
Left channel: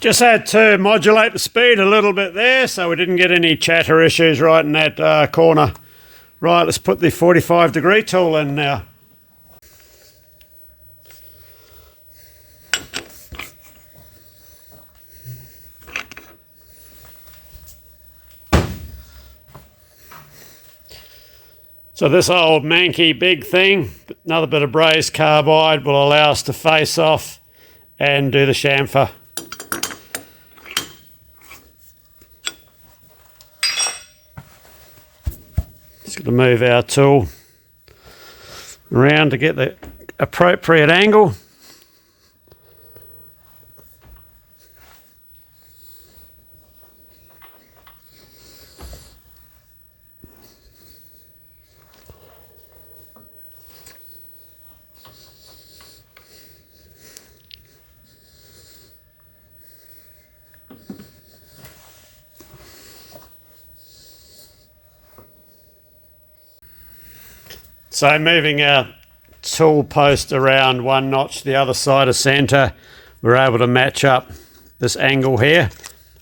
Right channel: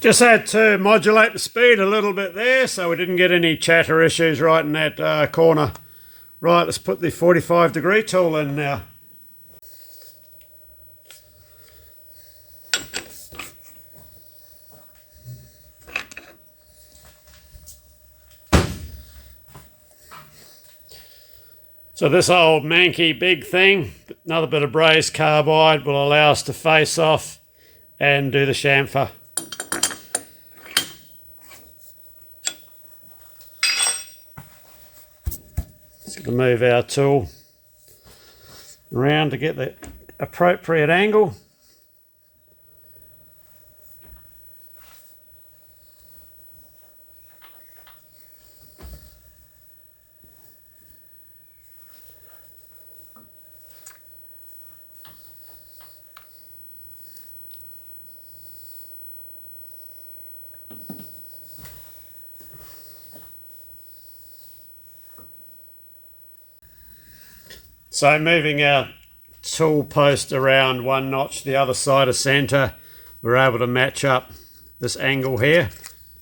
Just had to modulate the speed a little bit there so we didn't get any chatter issues right in that corner. Right, let's put the 45-degree tool in now. So this old manky big thing, another bit of brazed carbide, will allow us to face off and do the chamfer. Just going to move our tool around to get the appropriate angle. So moving a tool post around 1 notch the other side of centre, we're able to match up this angle here.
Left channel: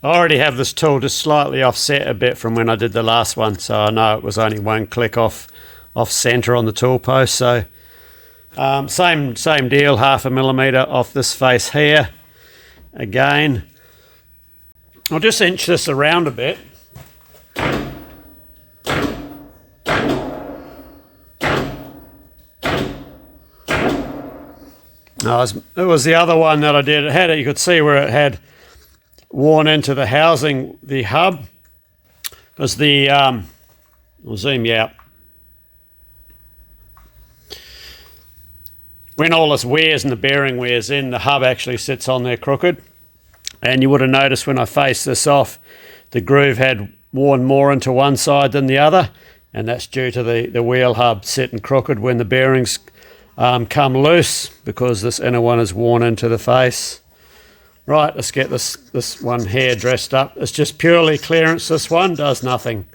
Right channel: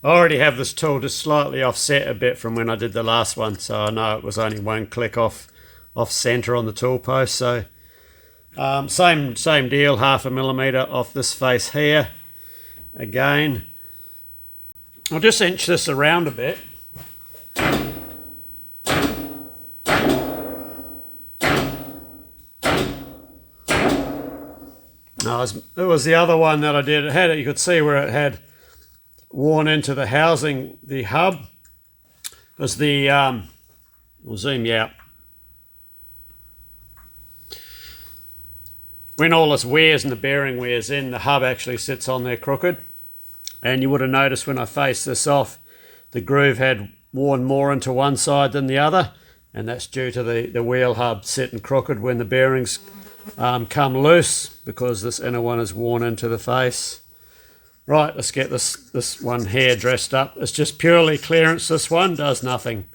I already have this tool just slightly offset a bit from when I did the last one, so I know it was only 1 click off centre on the tool post. So same deal, 0.5 millimetre off this face here. Again, I'll just inch this around a bit. No, it was the other one that I did. It had, you could see where it had worn into the housing, the hub. It was the, I'll zoom you out. When all this wears and the bearing wears in, the hub actually sits on there crooked. And you would have noticed when I faced this off, the groove had worn more into one side than the other. And that's due to the wheel hub sitting crooked when the bearings come loose, because this inner one is worn into the face. Right, let's get this one here dressed up. It's just purely clearance. This one does nothing.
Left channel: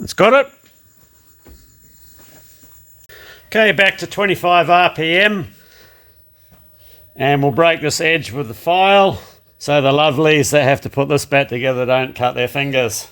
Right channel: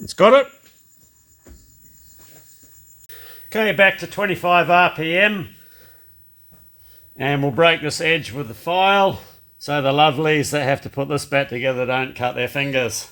It's got it. Okay, back to 25 RPM. And we'll break this edge with the file so the lovelies that have to put this back together don't cut their fingers.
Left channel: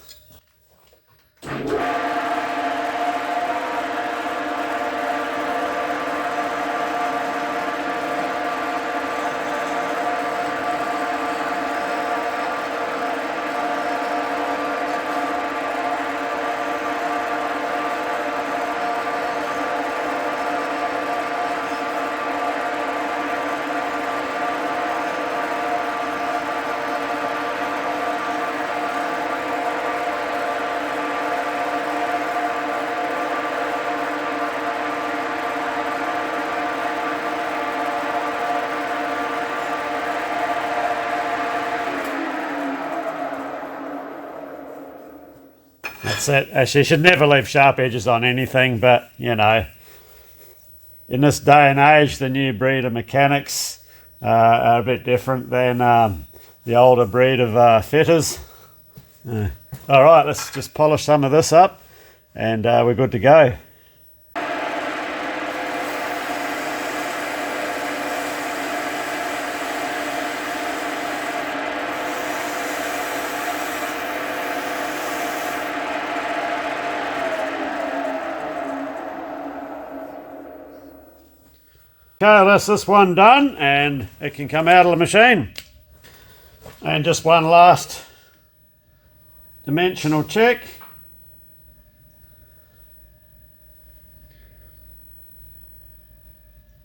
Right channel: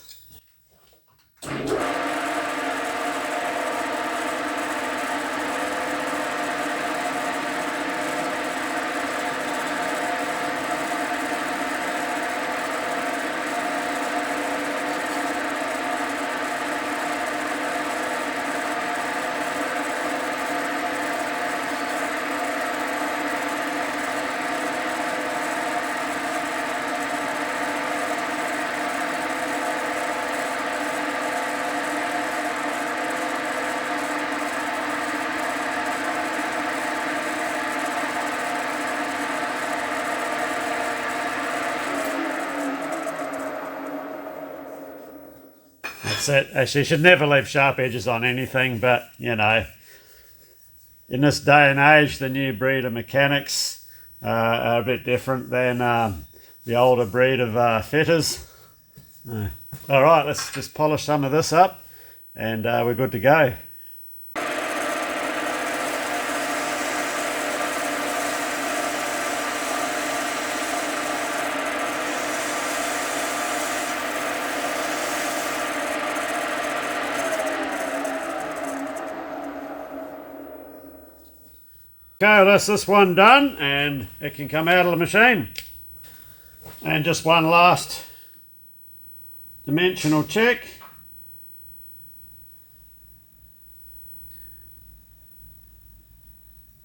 That's it. Actually, you should never leave sharp edges on anything, but, you know, in this day and age, the new breed of mechanics are a bit different than the older breed of fitters. All right, let's just polish some of this up, and we're good to go. Okay, that's this one done and it can come out of the machine. And just one last dimensional check.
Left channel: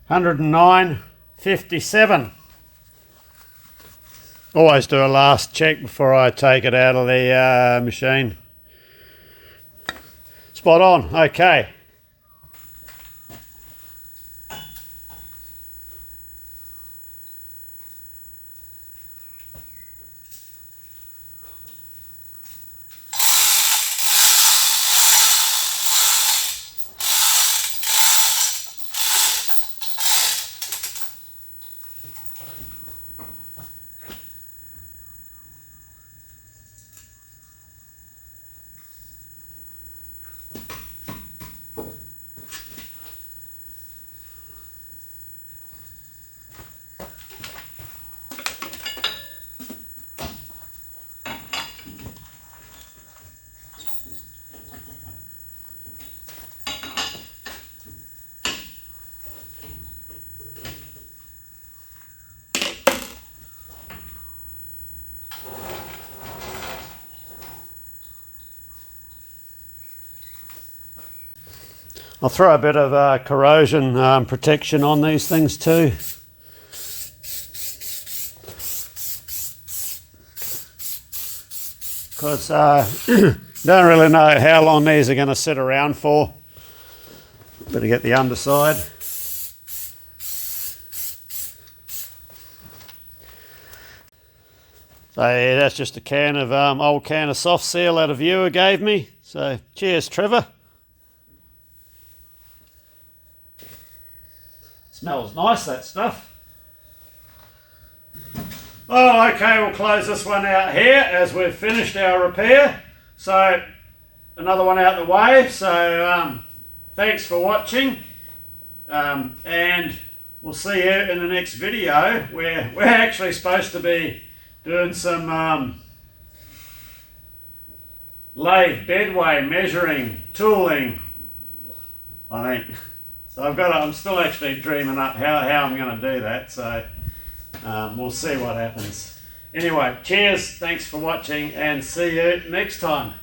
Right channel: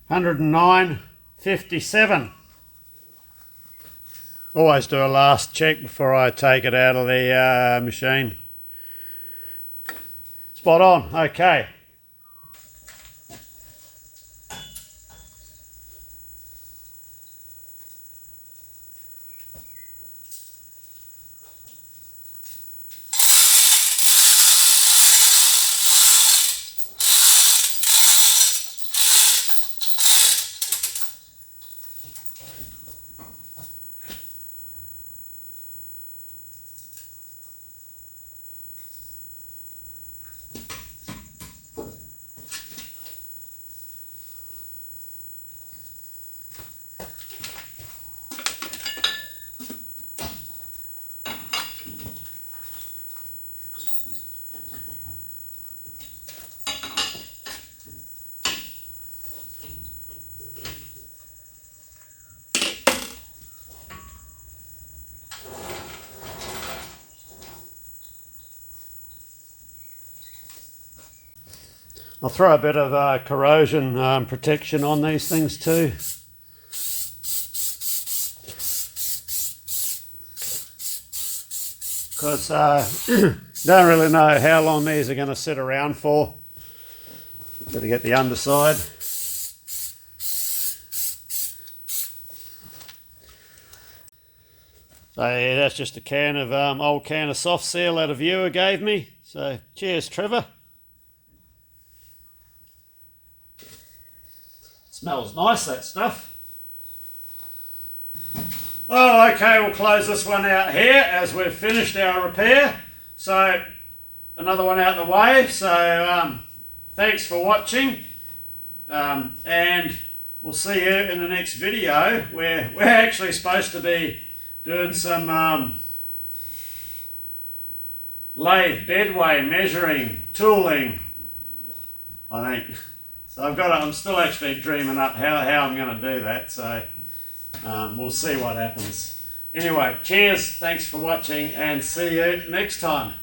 $109.57. Always do a last check before I take it out of the machine. Spot on, okay. I'll throw a bit of corrosion protection on these things too. Because don't really know how long these are going to sit around for. Better get the underside. So yeah, that's just a can of old can of soft seal that a viewer gave me. So cheers, Trevor. Smells nice, that stuff. Oh, okay, we'll close this one out here as we've finished our repair. So, another one out the way. So, thanks for watching. And we'll see you in the next video where we're actually supposed to be doing some lathe bedway measuring, tooling, I think. So I'm still actually dreaming up how I'm going to do that, so we'll see what happens. Anyway, cheers, thanks for watching, and see you next time.